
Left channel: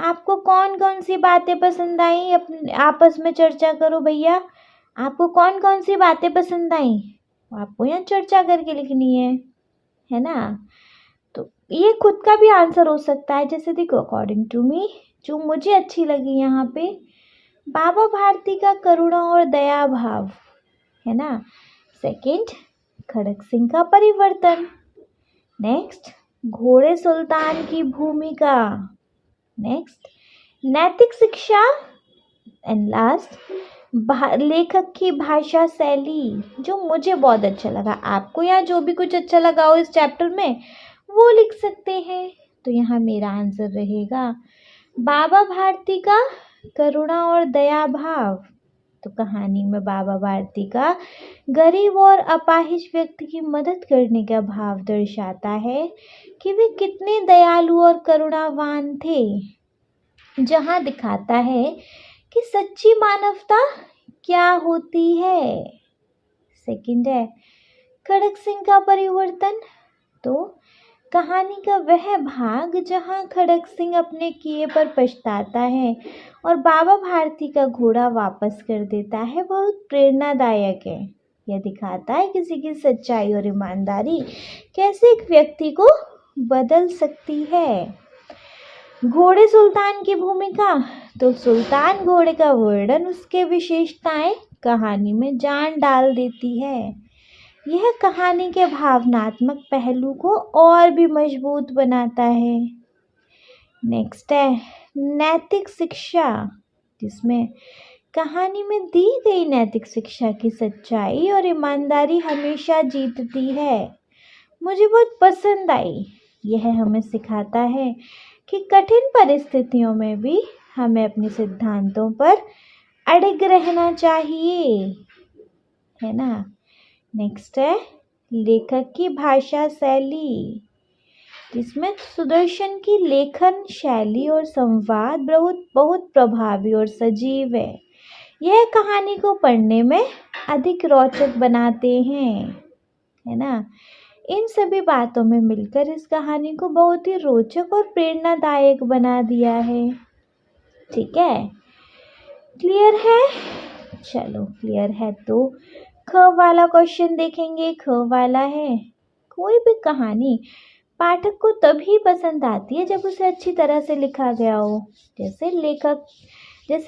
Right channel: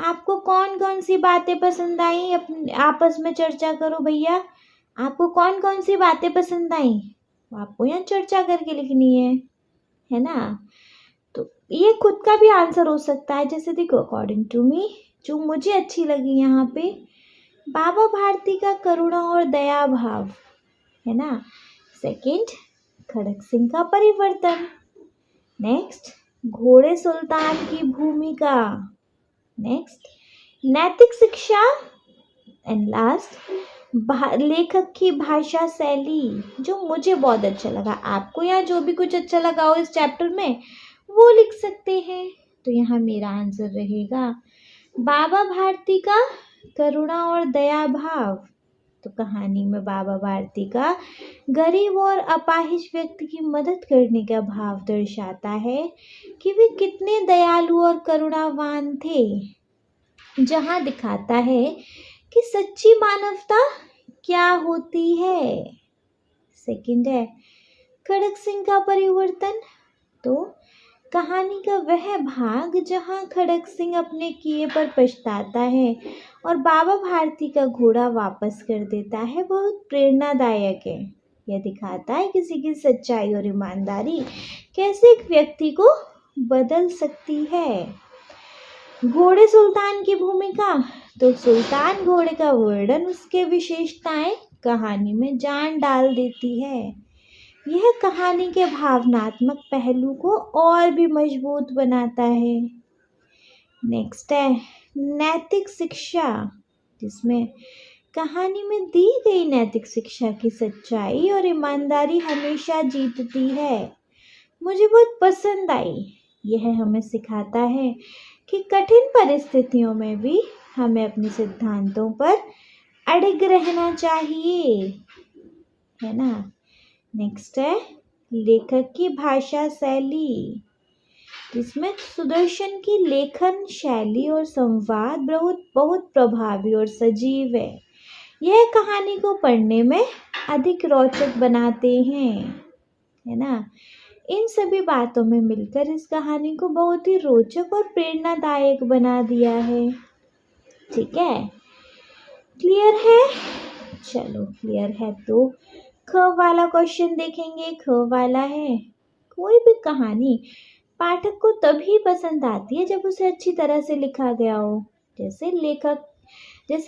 आपको कौन कौन सी बातें पसंद आई? अपने आपस में चर्चा करो भैया। आपको कौन कौन सी बातें पसंद आई? आपको यहाँ चर्चा करके लिखनी है ना? तो ये खुद का भी आंसर हो सकता है। जैसे देखो, अकॉर्डिंग टू मी, जो मुझे अच्छी लगी यहाँ पे, बाबा भारती का करुणा और दया भाव, है ना। सेकंड, खड़क सिंह का परिवर्तन। नेक्स्ट, घोड़े सुल्तान की भूमिका। नेक्स्ट, नैतिक शिक्षा। एंड लास्ट, लेखक की भाषा शैली, जो मुझे बहुत अच्छा लगा। आपको यहाँ जो भी कुछ अच्छा लगा हो इस चैप्टर में वो लिख सकते हैं। तो यहाँ मेरा आंसर रहेगा बाबा भारती का करुणा और दया भाव। तो कहानी में बाबा भारती का गरीब और अपाहिज व्यक्ति की मदद करने का भाव दर्शाता है कि वे कितने दयालु और करुणावान थे। जहाँ दिखाता है कि सच्ची मानवता क्या होती है। सेकंड है खड़क सिंह का परिवर्तन। तो कहानी का वह भाग जहाँ खड़क सिंह अपने किए पर पछताता है और बाबा भारती का घोड़ा वापस कर देता है, बहुत प्रेरणादायक है। यह दिखाता है किसी की सच्चाई और ईमानदारी कैसे एक व्यक्ति को बदल सकती है। घोड़े सुल्तान की भूमिका। तो सुल्तान घोड़े का वर्णन, उसके विशेषताएं कहानी में जान डाल देती है। यह कहानी के भावनात्मक पहलू को और भी मजबूत बनाता है। नेक्स्ट है नैतिक शिक्षा, जिसमें कहानी में दी गई नैतिक शिक्षा की सच्चाई और ईमानदारी हमेशा जीतती है। मुझे बहुत पसंद आई। यह हमें सिखाता है कि कठिन परिस्थितियों में भी हमें अपने सिद्धांतों पर अड़िग रहना चाहिए, है ना। नेक्स्ट है लेखक की भाषा शैली, जिसमें सुदर्शन की लेखन शैली और संवाद बहुत प्रभावी और सजीव है। यह कहानी को पढ़ने में अधिक रोचक बनाते हैं, है ना। इन सभी बातों में मिलकर इस कहानी को बहुत ही रोचक और प्रेरणादायक बना दिया है। ठीक है, क्लियर है? चलो, क्लियर है तो ख वाला क्वेश्चन देखेंगे। ख वाला है, कोई भी कहानी पाठक को तभी पसंद आती है जब उसे अच्छी तरह से लिखा गया हो। जैसे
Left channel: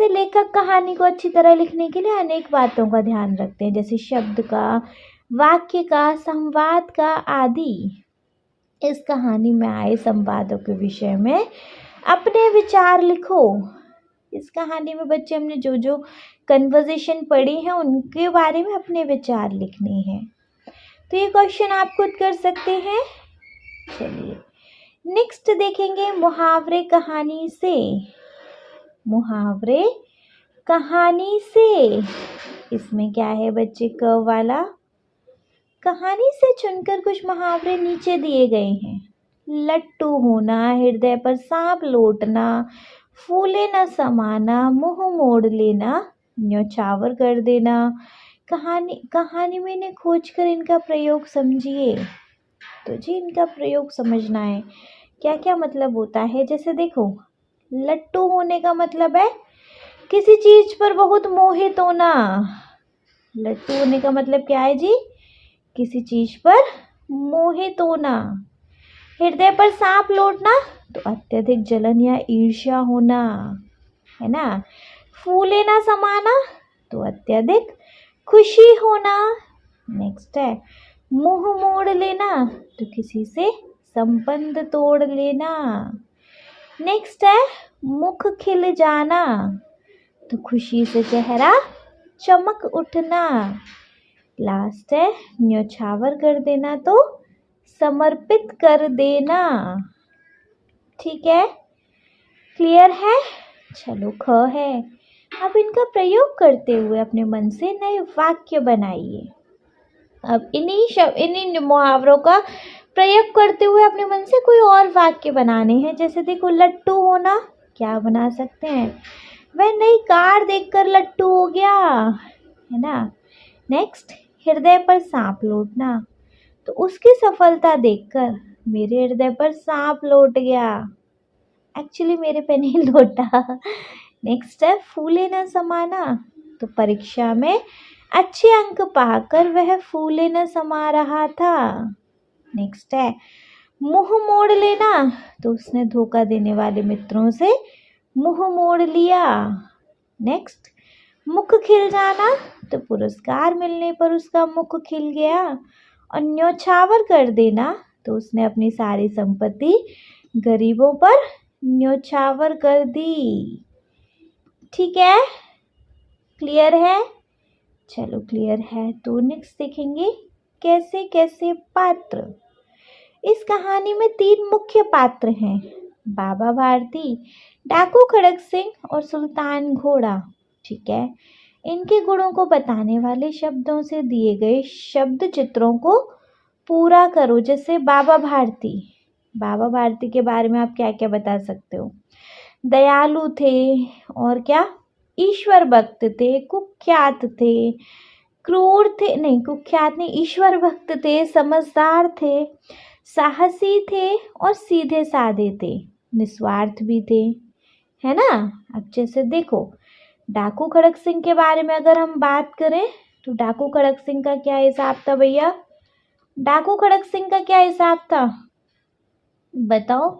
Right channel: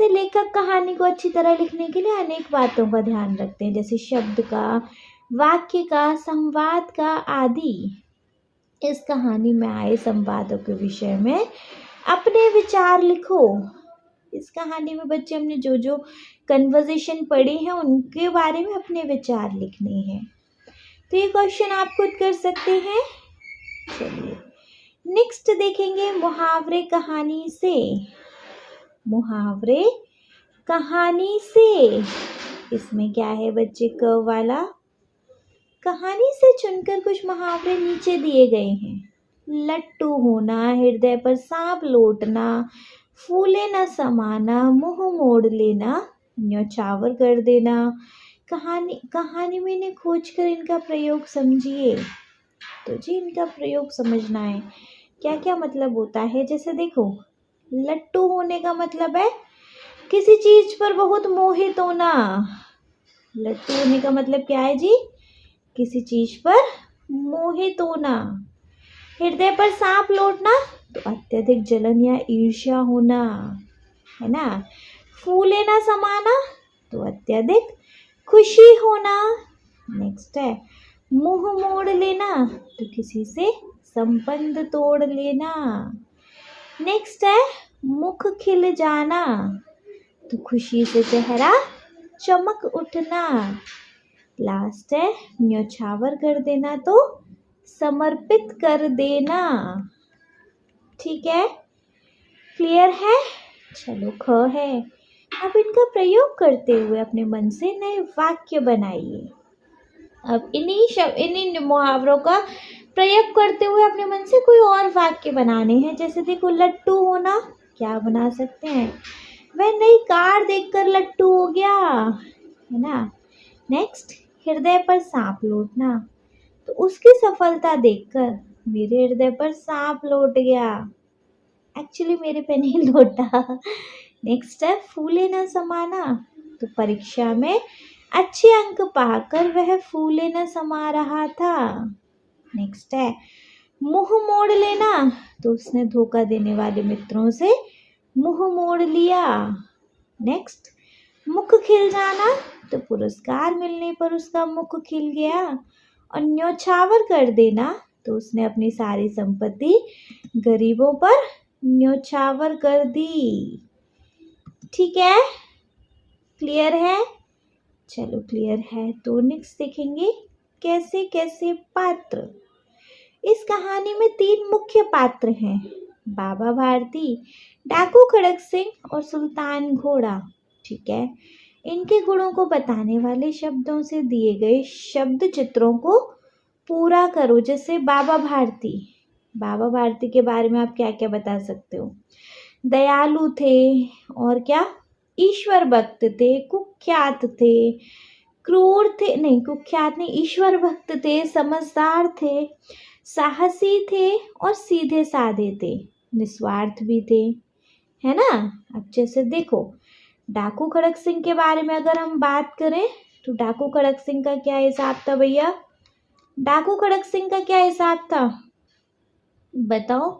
लेखक कहानी को अच्छी तरह लिखने के लिए अनेक बातों का ध्यान रखते हैं, जैसे शब्द का, वाक्य का, संवाद का आदि। इस कहानी में आए संवादों के विषय में अपने विचार लिखो। इस कहानी में बच्चे हमने जो जो कन्वर्सेशन पढ़ी है उनके बारे में अपने विचार लिखने हैं। तो ये क्वेश्चन आप खुद कर सकते हैं। चलिए नेक्स्ट देखेंगे मुहावरे कहानी से। मुहावरे कहानी से। इसमें क्या है बच्चे, क वाला। कहानी से चुनकर कुछ मुहावरे नीचे दिए गए हैं। लट्टू होना, हृदय पर सांप लौटना, फूले न समाना, मुंह मोड़ लेना, न्यौछावर कर देना। कहानी में इन्हें खोज कर इनका प्रयोग समझिए। तो जी इनका प्रयोग समझना है, क्या क्या मतलब होता है। जैसे देखो, लट्टू होने का मतलब है किसी चीज पर बहुत मोहित होना। लट्टू होने का मतलब क्या है जी, किसी चीज पर मोहित होना। हृदय पर सांप लौटना, तो अत्यधिक जलन या ईर्ष्या होना, है ना। फूले ना समाना, तो अत्यधिक खुशी होना। नेक्स्ट है मुंह मोड़ लेना, तो किसी से संबंध तोड़ लेना। नेक्स्ट है मुख खिल जाना, तो खुशी से चेहरा चमक उठना। लास्ट है न्यौछावर कर देना, तो समर्पित कर देना। ठीक है, क्लियर है। चलो ख है। अब इनका प्रयोग करते हुए अपने मन से नए वाक्य बनाइए। अब इन्हीं मुहावरों का प्रयोग करते हुए अपने मन से कोई और वाक्य बनाने हैं। जैसे देखो, लट्टू होना, क्या बना सकते हैं, वह नई कार देखकर लट्टू हो गया, है ना। नेक्स्ट, हृदय पर सांप लौटना, तो उसकी सफलता देखकर मेरे हृदय पर सांप लौट गया। एक्चुअली मेरे पे नहीं लौटा। नेक्स्ट है फूले न समाना, तो परीक्षा में अच्छे अंक पाकर वह फूले न समा रहा था। नेक्स्ट है मुंह मोड़ लेना, तो उसने धोखा देने वाले मित्रों से मुंह मोड़ लिया। नेक्स्ट, मुख खिल जाना, तो पुरस्कार मिलने पर उसका मुख खिल गया। और न्यौछावर कर देना, तो उसने अपनी सारी संपत्ति गरीबों पर न्यौछावर कर दी। ठीक है, क्लियर है। चलो क्लियर है, तो नेक्स्ट देखेंगे कैसे कैसे पात्र। इस कहानी में 3 मुख्य पात्र हैं, बाबा भारती, डाकू खड़क सिंह और सुल्तान घोड़ा। ठीक है, इनके गुणों को बताने वाले शब्दों से दिए गए शब्द चित्रों को पूरा करो। जैसे बाबा भारती के बारे में आप क्या क्या बता सकते हो। दयालु थे, और क्या, ईश्वर भक्त थे, कुख्यात थे, क्रूर थे, नहीं कुख्यात नहीं, ईश्वर भक्त थे, समझदार थे, साहसी थे और सीधे साधे थे, निस्वार्थ भी थे, है ना। अब जैसे देखो, डाकू खड़क सिंह के बारे में अगर हम बात करें, तो डाकू खड़क सिंह का क्या हिसाब था भैया, डाकू खड़क सिंह का क्या हिसाब था बताओ।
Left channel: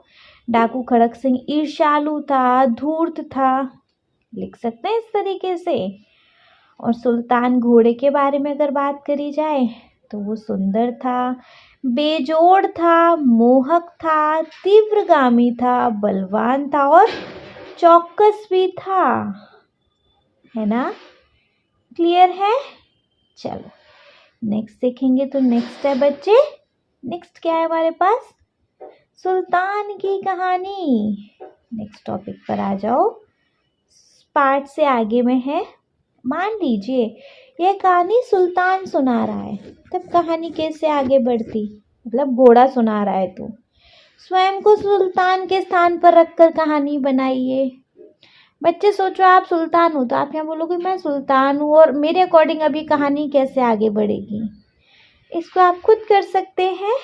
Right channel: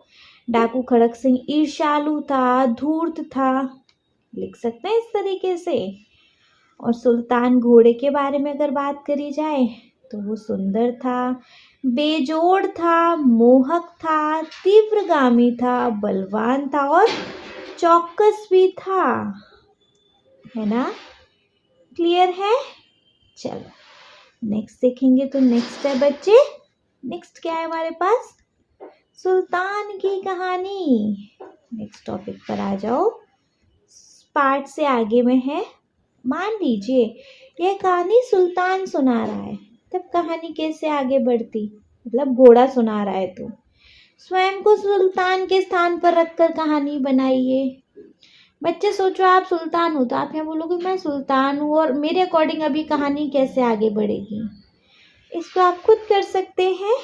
डाकू खड़क सिंह ईर्ष्यालु था, धूर्त था, लिख सकते हैं इस तरीके से। और सुल्तान घोड़े के बारे में अगर बात करी जाए, तो वो सुंदर था, बेजोड़ था, मोहक था, तीव्रगामी था, बलवान था और चौकस भी था, है ना। क्लियर है। चलो नेक्स्ट देखेंगे। तो नेक्स्ट है बच्चे, नेक्स्ट क्या है हमारे पास, सुल्तान की कहानी। नेक्स्ट टॉपिक पर आ जाओ, पार्ट से आगे में है। मान लीजिए यह कहानी सुल्तान सुना रहा है, तब कहानी कैसे आगे बढ़ती, मतलब घोड़ा सुना रहा है तो स्वयं को सुल्तान के स्थान पर रखकर कहानी बनाइए। बच्चे सोचो आप सुल्तान हो, तो आप यहाँ बोलोगे मैं सुल्तान हूँ और मेरे अकॉर्डिंग अभी कहानी कैसे आगे बढ़ेगी, इसको आप खुद कर सकते हैं।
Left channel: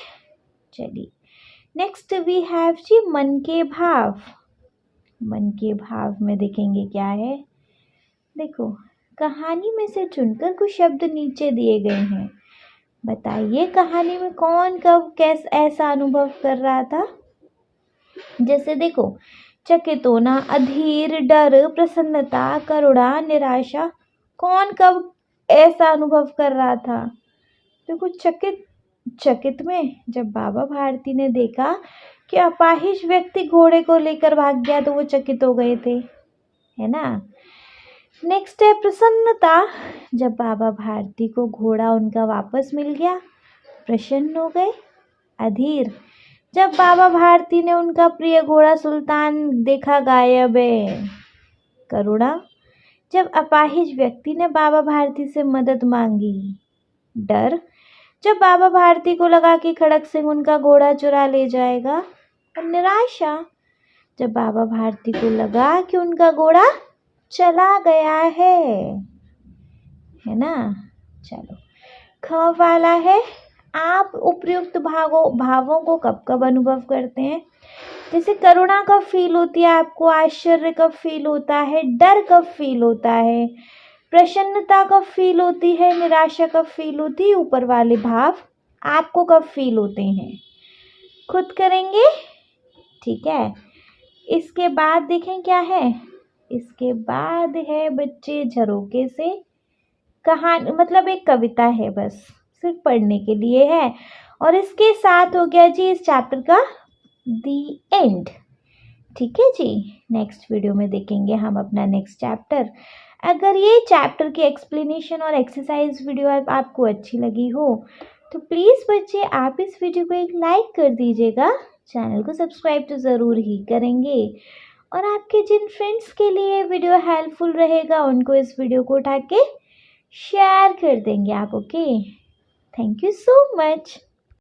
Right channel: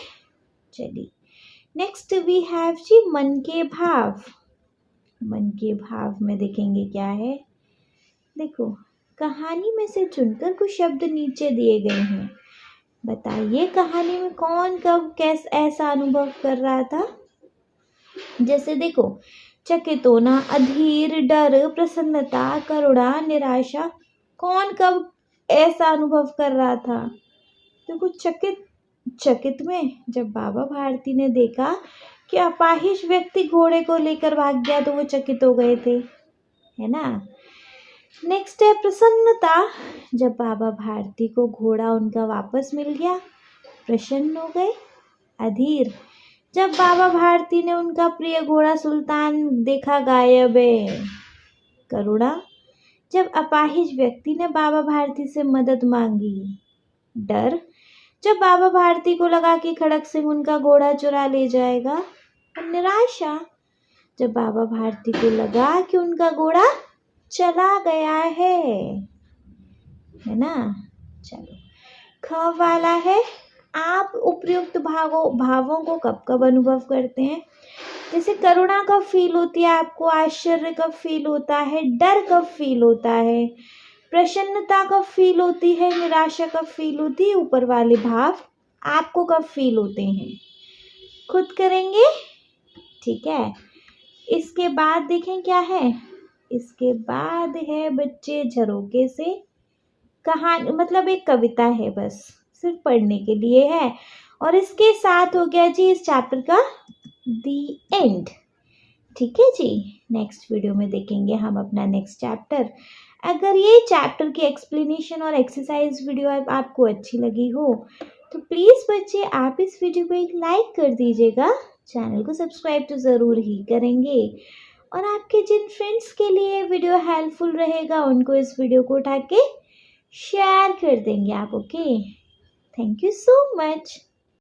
चलिए नेक्स्ट वी हैव जी मन के भाव। मन के भाव में देखेंगे क्या है। देखो, कहानी में से चुनकर कुछ शब्द नीचे दिए गए हैं। बताइए कहानी में कौन कब कैसा ऐसा अनुभव कर रहा था। जैसे देखो, चकित होना, अधीर, डर, प्रसन्नता, करुणा, निराशा, कौन कब ऐसा अनुभव कर रहा था। देखो, चकित में जब बाबा भारती ने देखा कि अपाहिज व्यक्ति घोड़े को लेकर भाग गया, तो वो चकित हो गए थे, है ना। नेक्स्ट है प्रसन्नता, जब बाबा भारती को घोड़ा उनका वापस मिल गया, प्रसन्न हो गए। अधीर, जब बाबा भारती ने उनका प्रिय घोड़ा सुल्तान देखा गायब है, करुणा, जब अपाहिज व्यक्ति ने बाबा भारती से मदद मांगी। डर, जब बाबा भारती को लगा कि खड़क सिंह उनका घोड़ा चुरा ले जाएगा। और निराशा, जब बाबा भारती को लगा कि उनका घोड़ा चला गया है ना। चलो, ख वाला है, आप उपयुक्त भावों को कब कब अनुभव करते हैं? जैसे करुणा कब फील होती है आपको, आश्चर्य कब फील होता है, डर कब फील होता है, प्रसन्नता कब फील होती है, निराशा कब फील होती है, ऊपर वाले भाव आपको कब फील होते हैं? खुद करेंगे, ठीक है। इसके बाद देखें क्या है, इसके बाद है बच्चे झरोके से कहानी, मतलब एक कविता है, बस सिर्फ पढ़ने के लिए है। और इसके साथ हो गया जी इस चैप्टर का दी एंड। ठीक है जी, नेक्स्ट वीडियो में देखेंगे हम अपना नेक्स्ट चैप्टर। अगर ये चैप्टर की एक्सप्लेनेशन और एक्सरसाइज वीडियो आपको अच्छी लगी हो तो प्लीज़ बच्चे आप इस वीडियो को एक लाइक कर दीजिएगा, चैनल को सब्सक्राइब तो ज़रूर ही करेंगे, और आपके जिन फ्रेंड्स के लिए वीडियो हेल्पफुल रहेगा उनको इस वीडियो को उठा के शेयर कर देंगे आप। Okay, thank you so much.